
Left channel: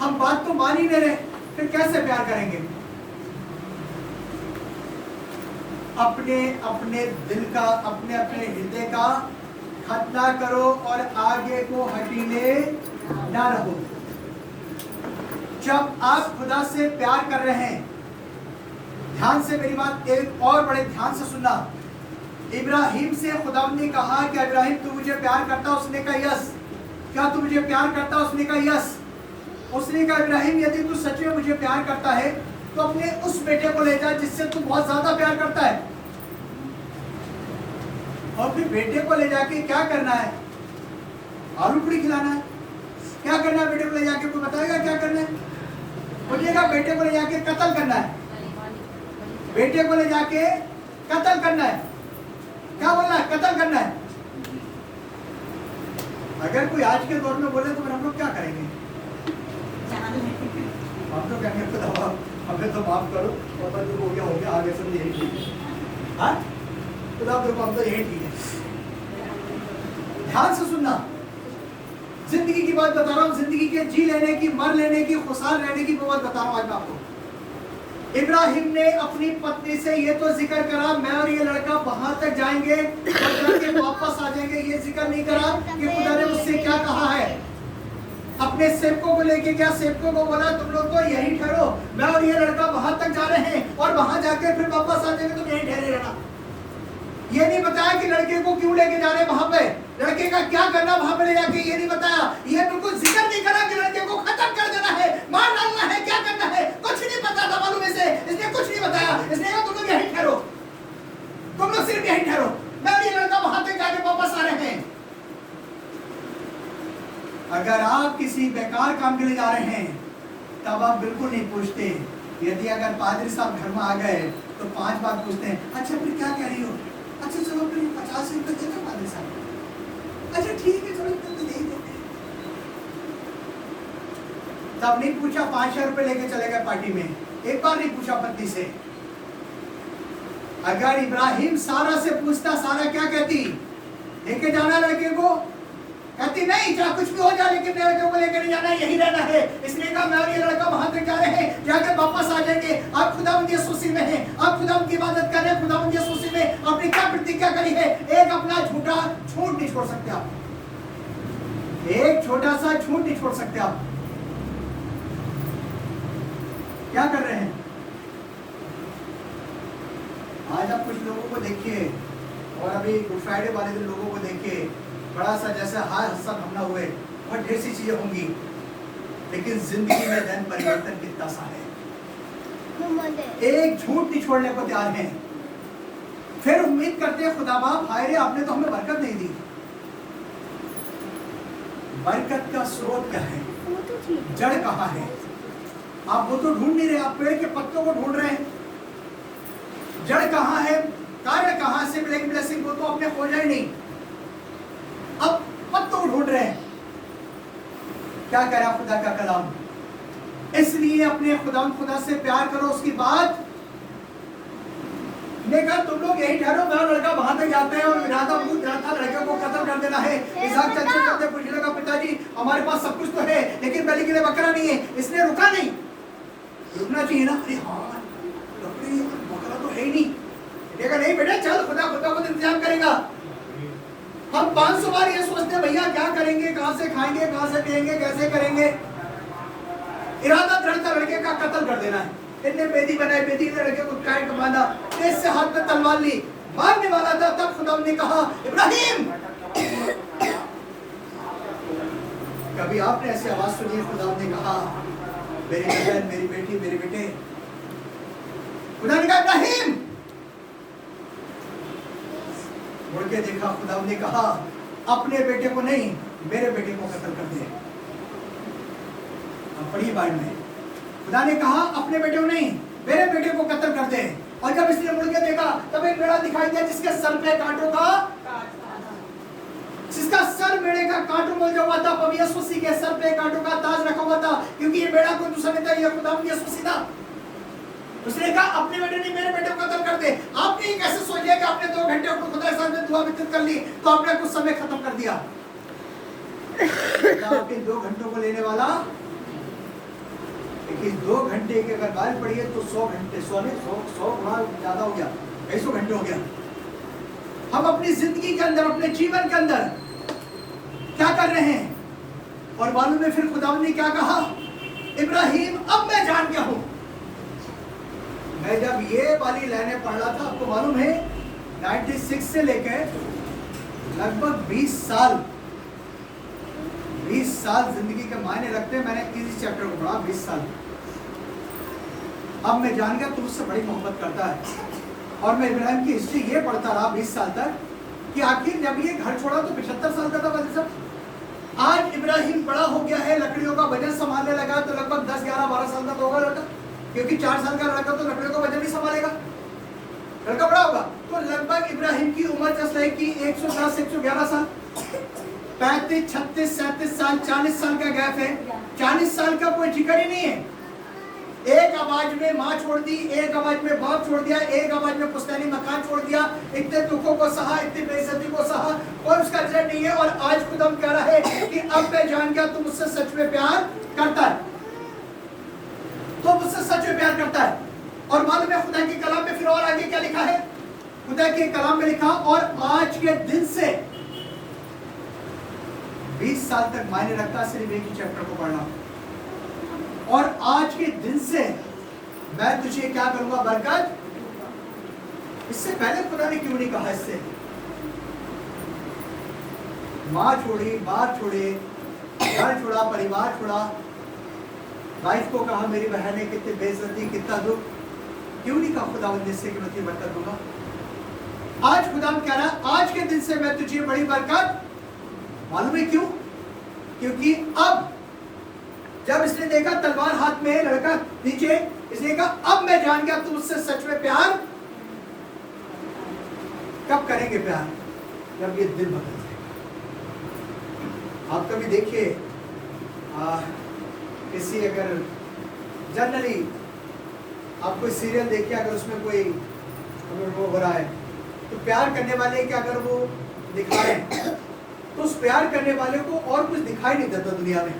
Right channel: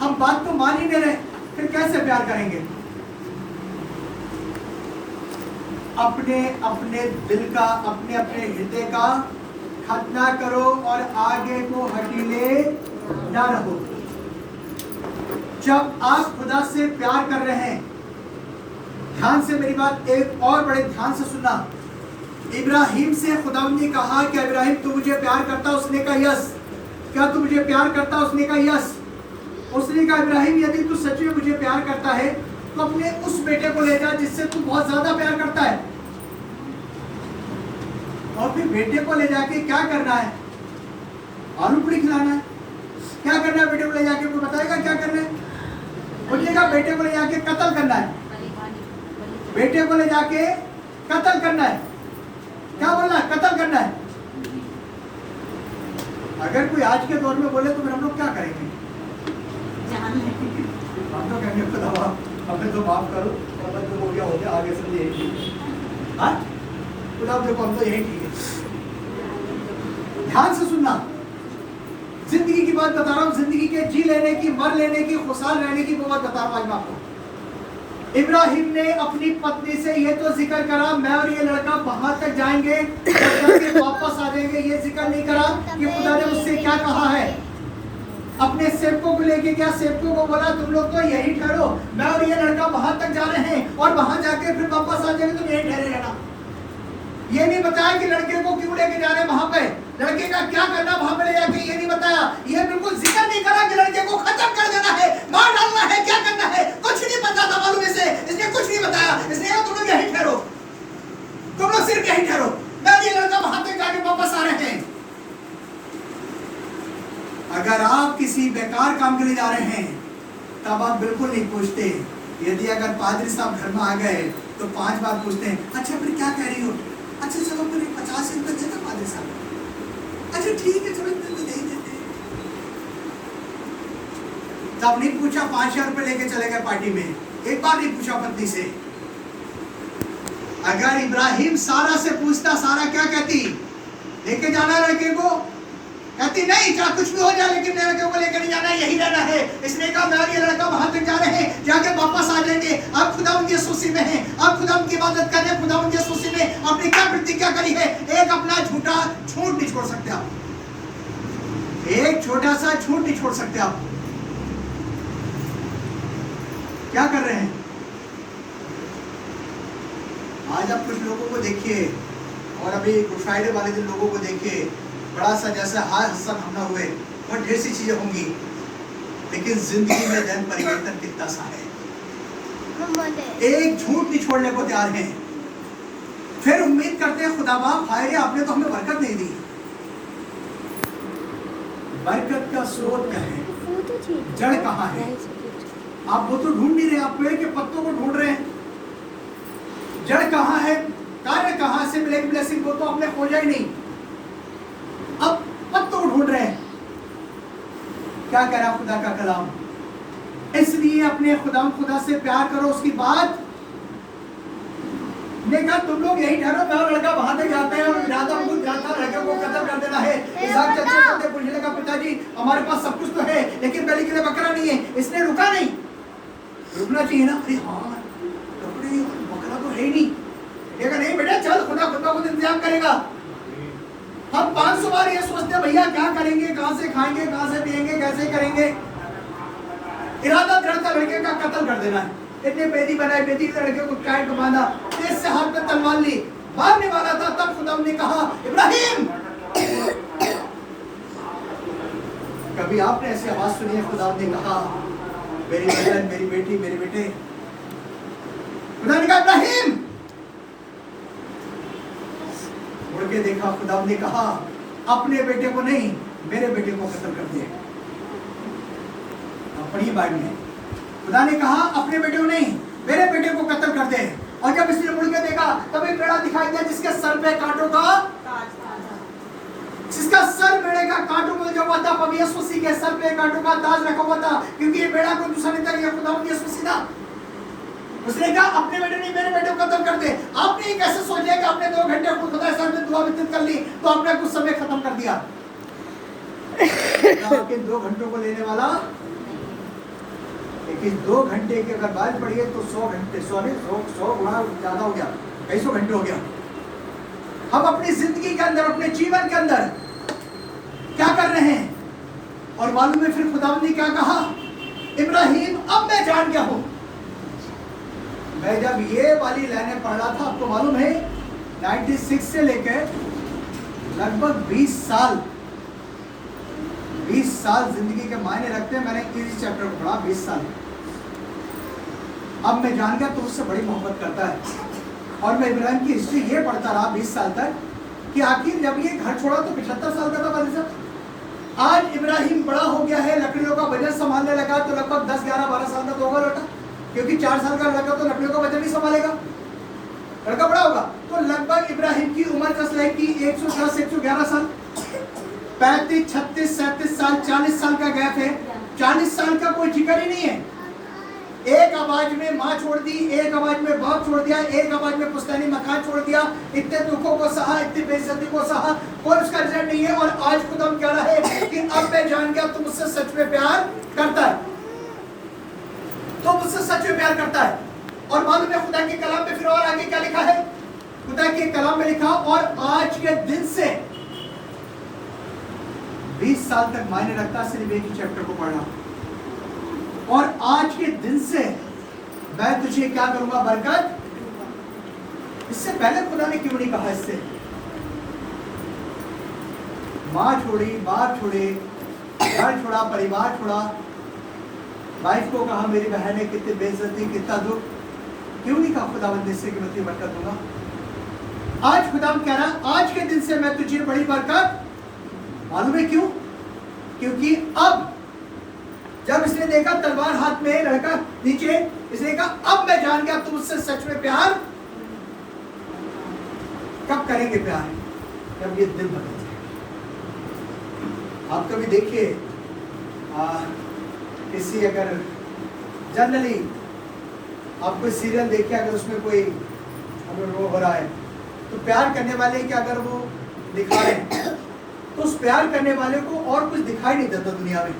हम बात तो मान ही नहीं रहे, फिर कैसे प्यार करेंगे? अपने अपने दिल का, अपने अपने हृदय का खतना करो और आगे को हटीले ना रहो। जब आप खुदा से प्यार कर रहे हैं, ध्यान से मेरी बात एक और बड़े ध्यान से सुनना। इब्राहिम से खुदा ने कहा कि इब्राहिम तू मुझे प्यार करता? उसने कहा यस। क्या तू मुझे प्यार करता? उसने कहा यस। उसने कहा इब्राहिम यदि तू सच में मुझे प्यार करता है तो अपने उस बेटे को ले जा जिससे तू बहुत ज्यादा प्यार करता है। और फिर बेटे को ले जाके क्या करना है? आलू पूरी खिलाना है। क्या करना है बेटे को ले जाके? कोई बताएगा क्या करना है? बोलिएगा बेटे को ले जाके कत्ल करना है। बेटे को ले जाके कत्ल करना है। क्या बोला? कत्ल करना है। अगर कोई आज के दौर में बोले तो फिर हम लोग क्या करेंगे? हम तो कहेंगे खुदा हमें तो माफ करो और बस जो हो गया आगे सब यही ठीक। हाँ खुदा देखो हम तो यही ठीक है। ध्यान से सुनना, जिंदगी की बात बता रहा हूँ, जिंदगी के जी लेने की, मर लेने की, खुशहाल रहने की बात बता रहा हूँ आज मैं आपको। इब्राहिम ने अपनी पत्नी से ये तो जिक्र करा मैं और ये लड़का वहां तक जाएंगे, वापस आ जाएंगे, ये जिक्र नहीं करा कि खुदा ने उससे क्या कहा है। अपने सेवकों को लेके क्या सेवकों को बोला तुम लोग तो यही ठहरो, मैं और ये लड़का वहां तक जा रहे हैं और वहां जाके फिर वापस आ जाएंगे, तुम यही ठहरे रहना। ये नहीं बताया कि लड़के को क्यों लेके जा रहे हैं वहां पे, लड़के का क्या करना वहां पे ले जाके, ये नहीं बताया। ये बिल्कुल जिक्र नहीं करा कि लड़के को खत्म कर देना है, मार डालना है, क्या करना है, कुछ नहीं पता था मालूम इसे। इसने कुछ नहीं बताया। इसने कहा तुम लोग यही ठहरो, तुम लोग सिर्फ यही ठहरो, मैं और ये लड़का वहां तक जाके वापस आ रहे हैं। अगर आप किसी बेकार काम के लिए जा रहे हैं तब आप बिल्कुल नहीं पूछते। यदि अगर पादरी साहब घर में आ गए तो 5 बार पूछते हैं, अच्छा फिर क्या कह रही हो? अच्छा चलो फिर 50 रुपए देते पादरी साहब। अच्छा ठीक है चलो इतने तो दे ही देते हैं। तब नहीं पूछा 5,000 रुपए लेके चले गए पार्टी में, एक बार नहीं पूछा पत्नी से। अगर इब्राहिम सारा से पूछता, सारा क्या कहती? लेके जाना लड़के को? कहती नहीं, चाहे कुछ भी हो जाए लेकिन मेरे लड़के को लेकर नहीं जाना, यही रहना है। इसने कहा मैं और ये लड़का वहां तक जा रहे हैं, जाके वापस आ जाएंगे। आप खुदा उनकी सुसी में हैं, आप खुदा उनकी इबादत कर रहे हैं, खुदा उनकी सुसी में आपने क्या प्रतिज्ञा करी है? एक अपना झूठा झूठ नहीं छोड़ सकते आप, एक छोटा सा झूठ नहीं छोड़ सकते आप। क्या कर रहे हैं? आज आप कुछ लोगों को देखिए और अभी गुड फ्राइडे वाले दिन लोगों को देखिए, बड़ा सा जैसे हाय हसन हमला हुए और ढेर सी चीजें होंगी, लेकिन जिंदगी में दिन परिवर्तन कितना सा है। एक झूठ नहीं छोड़ने को तैयार हैं, फिर उम्मीद करते हैं खुदा बाप हाय रे आपने तो हमें बरकत नहीं दी। बरकत का स्रोत क्या है? जड़ कहाँ है? आप वो तो ढूंढ नहीं रहे, आप पेड़ के पत्तों को ढूंढ रहे हैं। जड़ कहाँ है? कार्य कहाँ से मिलेगी ब्लेसिंग? वो तो आपने खोजा ही नहीं, अब पत्तों को ढूंढ रहे हैं। क्या कह रहा खुदा का कलाम? इसलिए अपने खुदा से प्यार करो, उसकी बात ने कहा तुम लोग यही ठहरो, मैं लड़का वहां तक जाते हैं और लड़के को कत्ल कर देना है। इसहाक चलते पूछने लगा पिताजी हमारे पास सब कुछ तो है लेकिन बलि के लिए बकरा नहीं है। इसने रुका नहीं, रुकना चाहिए ना। अरे हाँ लकड़ी बकरा तो है ही नहीं, बेटा नहीं बेटा चल खुदा खुद इंतजाम करेगा। हम 500 बार ये सोचते हैं भैया क्या करेंगे, कहां से खाएंगे, कहां से पिएंगे, कैसे करेंगे। इरादा दृढ़ था लड़के का कत्ल कर देना है। इतने बेदी बनाए, बेदी के लड़के को काट के बांधा, तेज से हाथ में तलवार ली, मारने वाला था। तब खुदा ने कहा इब्राहिम। कभी आपने ऐसी आवाज सुनी है? खुदा ने कहा मेरी बहन, मेरी बेटी, मेरे बेटे। खुदा ने कहा इब्राहिम। मुड़ के देखा, खुदा ने कहा अपने बेटे को नहीं, मेरे बेटे को कत्ल कर दिया। पढ़िए बाइबल में, खुदा ने कहा अपने बेटे को नहीं, मेरे बेटे को कत्ल कर दे। और जब इसने मुड़ के देखा तब एक बेड़ा दिखाई दिया जिसके सर पे कांटों का, जिसका सर बेड़े का कांटों में जो हुआ था, प्रभु यीशु मसीह के सर पे कांटों का ताज रखा हुआ था, क्योंकि ये बेड़ा कोई दूसरा नहीं था, ये खुदा यीशु मसीह था। उसने कहा अपने बेटे नहीं, मेरे बेटे को कत्ल कर दे। आपने कैसे सोच लिया कि आपने 2 घंटे खुदा के सामने दुआ वितरित कर ली तो आपने कुछ समय खत्म कर दिया? आपके 2 घंटों को लेने वाला, लेकिन 2 घंटे की अगर बात पड़ी तो 100 घंटे, 100 गुना ज्यादा हो गया, 250 घंटे हो गया। हम अपनी जिंदगी के अंदर, अपने जीवन के अंदर क्या कर रहे हैं? और मालूम है फिर खुदा ने क्या कहा? इब्राहिम अब मैं जान गया हूं। मैं जब ये वाली लाइनें पढ़ रहा था, आपको मालूम है 96 से लेकर लगभग 20 साल जिंदगी के मायने रखते हैं। मैंने इस चैप्टर को पढ़ा 20 साल। अब मैं जान गया तो उससे बड़ी मोहब्बत करता है। और मैं इब्राहिम की हिस्ट्री ये पढ़ता रहा 20 साल तक कि आखिर जब ये घर छोड़ा तो 75 साल का था वाले साहब। आज इब्राहिम बड़ा हो गया है, लकड़ियों का वजन संभालने लगा तो लगभग 10, 11, 12 साल का तो होगा लड़का, क्योंकि 4 साल का लड़का तो लकड़ियों का वजन नहीं संभालेगा, लड़का बड़ा होगा। तो लगभग इब्राहिम की उम्र जैसे है कि 110, 111 साल, 35, 36, 37 साल, 40 साल का गैप है। 40 साल का कोई जिक्र ही नहीं है। एक आवाज में माँ छोड़ दी, एक आवाज में बाप छोड़ दिया, एक आवाज में पुश्तैनी मकान छोड़ दिया, इतने दुखों को सहा, इतनी बेइज्जती को सहा, और उसका रिजल्ट नहीं है। और आज खुदा कह रहा है कि अब मैं जान गया तुम मुझसे सच में प्यार करता है, तो मुझसे सच में प्यार करता है। और मालूम है खुदा के कलाम में फिर और आगे क्या लिखा है? खुदा के कलाम में लिखा और आज के दिन से 20 साल तक मायने रखता सिर्फ एक ही चैप्टर को पढ़ना। और आज के दिन से मैं तुझे क्या करूंगा? बरकत। इससे पहले खुदा ने क्यों नहीं कहा? इससे माँ छोड़ी, बाप छोड़े, घर छोड़ा, परिवार छोड़ा, वाइफ को कहा मेरी बहन है, कितनी बेइज्जती, कितना दुख, क्यों नहीं कहा खुदावंद से कि मैं तुझे बरकत दूंगा? आज खुदा कह रहा आज के दिन से मैं तुझे बड़ी बरकत। मालूम है क्यों? क्योंकि अब जब इसने देखा तलवार हाथ में, लड़का नीचे, इसने कहा अब मैं जान गया तुम मुझसे सच में प्यार। कब करेंगे प्यार? जब ये दिल बदल जाए। आप कभी देखिए किसी, अगर जनरली आप कोई सीरियल देखिए, अगर उसमें कोई अगर वो हो रहा है तो प्यार करने वाले के अगर वो दिखा रहे हैं तो उस प्यार करने वाले को और कुछ दिखाई नहीं देता दुनिया में,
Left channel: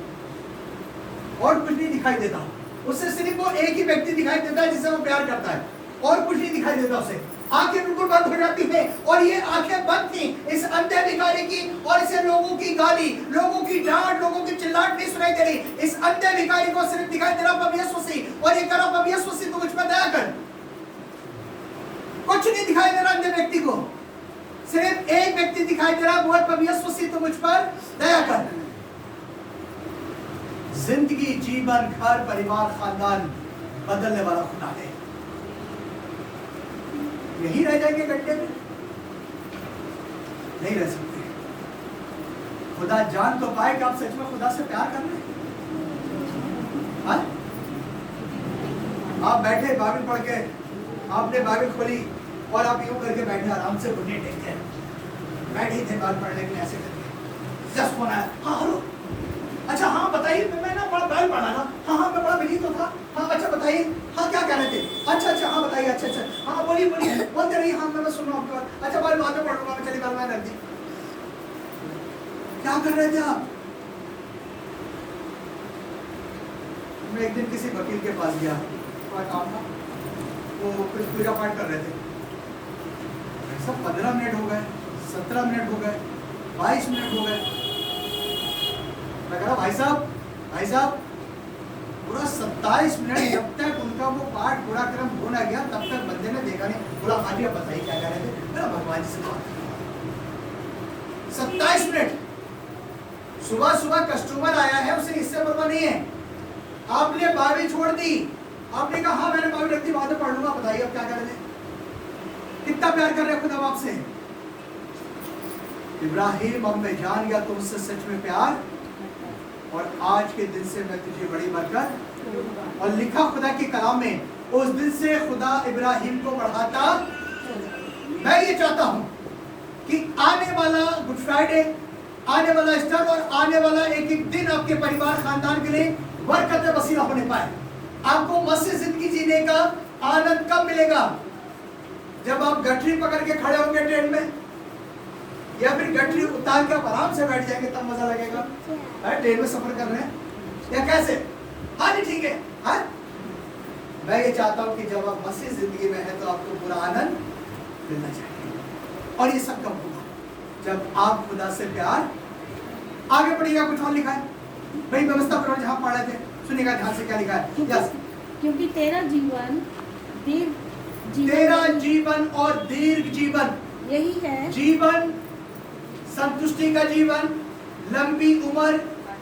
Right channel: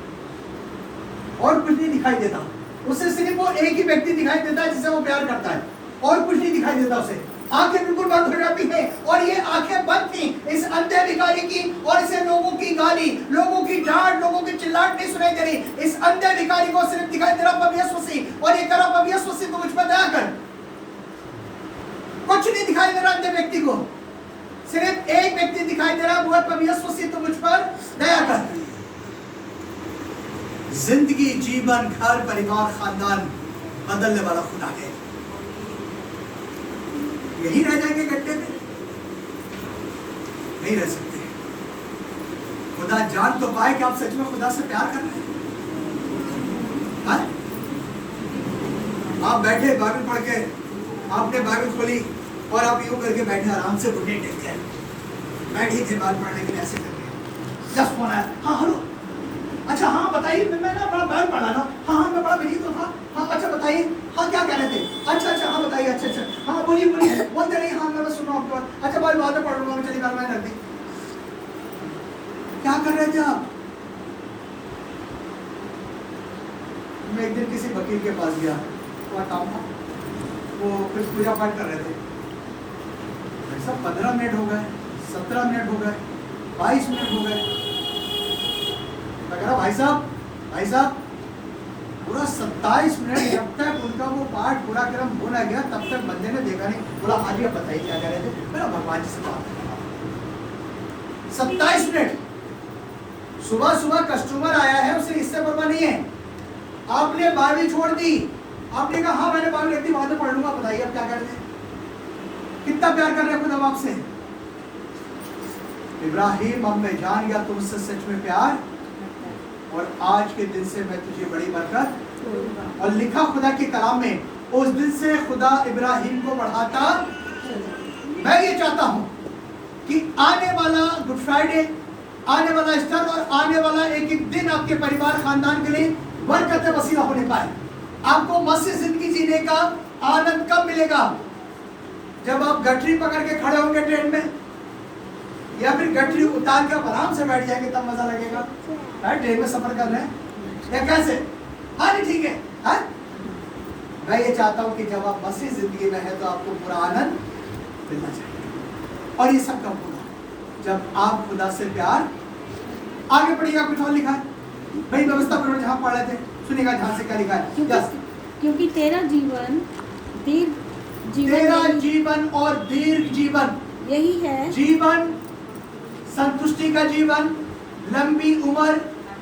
और कुछ नहीं दिखाई देता उससे, सिर्फ वो एक ही व्यक्ति दिखाई देता है जिससे वो प्यार करता है, और कुछ नहीं दिखाई देता उसे। आंखें बिल्कुल बंद हो जाती है, और ये आंखें बंद थी इस अंधे भिखारी की, और इसे लोगों की गाली, लोगों की डांट, लोगों की चिल्लाहट नहीं सुनाई दे रही। इस अंधे भिखारी को सिर्फ दिखाई दे रहा प्रभु यीशु मसीह, और ये कह रहा प्रभु यीशु मसीह तो मुझ पर दया कर। कुछ नहीं दिखाई दे रहा अंधे व्यक्ति को, सिर्फ एक व्यक्ति दिखाई दे रहा, वो प्रभु यीशु मसीह तो मुझ पर दया कर। जिंदगी, जीवन, घर, परिवार, खानदान बदलने वाला खुदा है। यही रह जाएंगे गड्ढे में? नहीं रह सकते। खुदा जान तो पाए कि आप सच में खुदा से प्यार कर रहे हैं। आप बैठे बाइबल पढ़ के, आपने बाइबल खोली और आप यूं करके बैठे आराम से घुटने टेकते बैठे थे बाइबल पढ़ने के लिए, ऐसे करके। जब फोन आया, हाँ हेलो, अच्छा हाँ बताइए, मैं ना बड़ा बाइबल पढ़ा ना, हाँ मैं बड़ा बिजी तो था, हाँ अच्छा बताइए, हाँ क्या कह रहे थे, अच्छा हाँ बताइए, अच्छा हाँ बोलिए बोलते रहिए, हाँ मैं सुन रहा हूँ आपके बात, अच्छा बाइबल बाद में पढ़ लूंगा मैं, चलिए बाइबल में रख दी। क्या कर रहे थे आप? मैं एक दिन किसी वकील के पास गया, थोड़ा काम था, वो कुछ पूजा पाठ कर रहे थे। सब 15 मिनट हो गए, 17 मिनट हो गए, 22 मिनट हो गए। मैं कह रहा भाई साहब पूरा 27 मिनट जब तक उनका वो पाठ पूरा क्रम हो ना गया तब तक बंदे ने देखा नहीं। बोला हाँ जी, अब बताइए क्या कर रहे थे? मेरा भगवान जी से बात करना। 27 मिनट। सुबह सुबह कस्टमर आया है, उसे इससे परवाह नहीं है। आपने बाइबल छोड़ दी, आपने कहा हाँ मैंने बाइबल रख दी, बाद में पढ़ लूंगा, बताइए अब क्या कर रहे? कितना प्यार कर रहे हैं खुदा बाप से? इब्राहिम, अब मैं जान गया तुमसे सच में प्यार, और आज के दिन से मैं तुझे बड़ी बरकत। और लिखा खुदा के कलाम में, उस दिन से खुदा इब्राहिम को बढ़ाता। मैं ये चाहता हूं कि आने वाला गुड फ्राइडे, आने वाला ईस्टर और आने वाला एक एक दिन आपके परिवार खानदान के लिए बरकत वसीला होने पाए। आपको मसीह जिंदगी जीने का आनंद कब मिलेगा? जब आप गठरी पकड़ के खड़े होंगे ट्रेन में, या फिर गठरी उतार के आप आराम से बैठ जाएंगे, तब मजा लगेगा। ट्रेन में सफर कर रहे हैं या कैसे? हाँ जी ठीक है। हाँ, मैं ये चाहता हूँ कि जब आप मसीह जिंदगी में है तो आपको पूरा आनंद मिलना चाहिए। और ये सब कब होगा? जब आप खुदा से प्यार। आगे पढ़िएगा, कुछ और लिखा है भाई, व्यवस्था पर जहाँ पढ़ रहे थे सुनिएगा ध्यान से क्या लिखा है। क्योंकि तेरा जीवन दीर्घ तेरा जीवन और दीर्घ जीवन यही है। जीवन, संतुष्टि का जीवन, लंबी उम्र,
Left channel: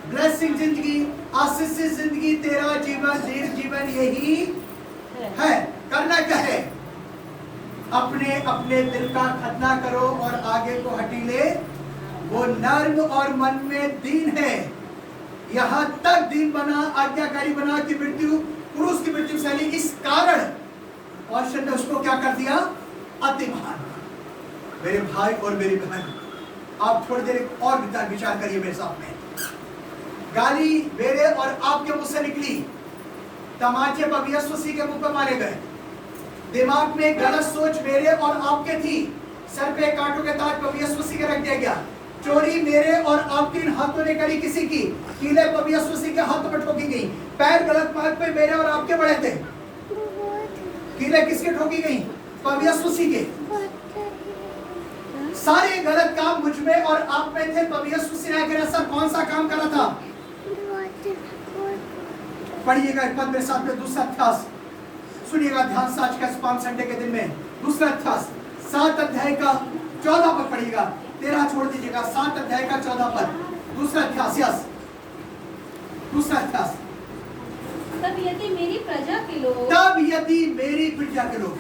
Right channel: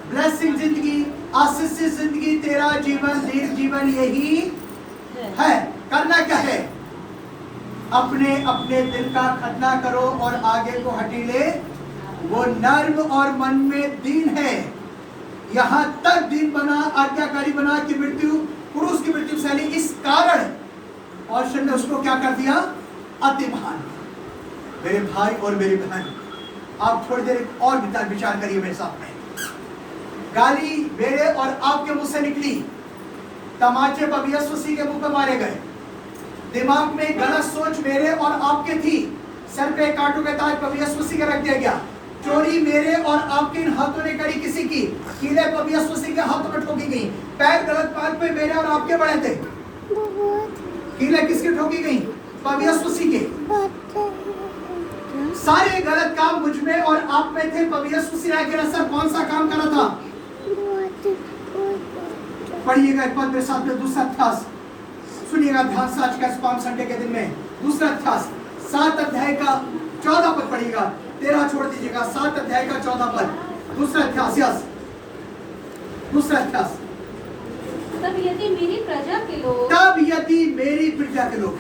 ब्लेसिंग जिंदगी, आशीषित जिंदगी, तेरा जीवन, दीर्घ जीवन यही है। करना क्या है? अपने अपने दिल का खतना करो और आगे को हटीले। वो नर्म और मन में दीन है, यहाँ तक दीन बना, आज्ञाकारी बना कि मृत्यु, क्रूस की मृत्यु सहली। इस कारण और ने उसको क्या कर दिया? अति महान। मेरे भाई और मेरी बहन, आप थोड़ी देर और विचार करिए मेरे साथ में। गाली मेरे और आपके मुंह से निकली, तमाचे प्रभु यीशु मसीह के मुंह पे मारे गए। दिमाग में गलत सोच मेरे और आपके थी, सर पे कांटों के ताज प्रभु यीशु मसीह के रख दिया गया। चोरी मेरे और आपके इन हाथों ने करी किसी की, कीले प्रभु यीशु मसीह के हाथों में ठोकी गई। पैर गलत पाथ पे मेरे और आपके पड़े थे, कीले किसके ठोकी गई? प्रभु यीशु मसीह के। सारे गलत काम मुझ में और आप में थे। प्रभु यीशु मसीह ने ऐसा कौन सा काम करा था? पढ़िएगा एक पद मेरे साथ में, दूसरा अध्याय सुनिएगा ध्यान से। आज का पाम संडे के दिन में दूसरा अध्याय 7 अध्याय का 14 पद पढ़िएगा। 13 छोड़ दीजिएगा। 7 अध्याय का 14 पद, दूसरा अध्याय। दूसरा अध्याय। तब यदि मेरी प्रजा के लोग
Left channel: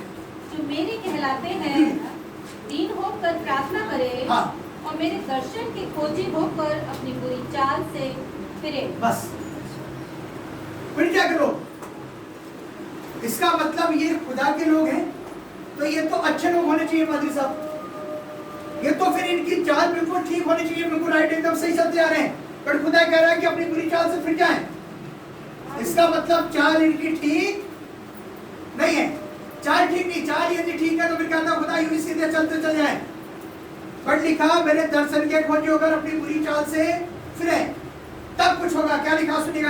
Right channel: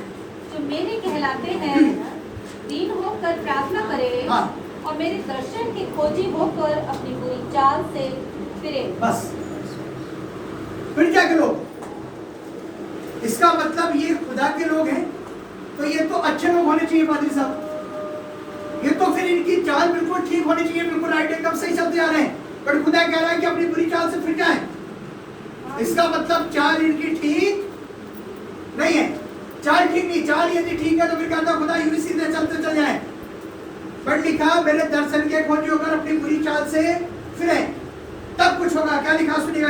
जो मेरे कहलाते हैं दीन होकर प्रार्थना करें, हाँ। और मेरे दर्शन के खोजी होकर अपनी बुरी चाल से फिरे। बस प्रजा के लोग, इसका मतलब ये खुदा के लोग हैं, तो ये तो अच्छे लोग होने चाहिए पादरी साहब। ये तो फिर इनकी चाल बिल्कुल ठीक होनी चाहिए, बिल्कुल राइट, एकदम सही चलते आ रहे हैं। पर खुदा कह रहा है कि अपनी बुरी चाल से फिर जाएं। इसका मतलब चाल इनकी ठीक नहीं है। चाल ठीक नहीं, चाल यदि ठीक है तो फिर कहता है खुदा यूं सीधे चलते चल जाए। पर लिखा मेरे दर्शन के खोजी होकर अपनी बुरी चाल से फिरे, तब कुछ होगा। क्या लिखा सुनिएगा।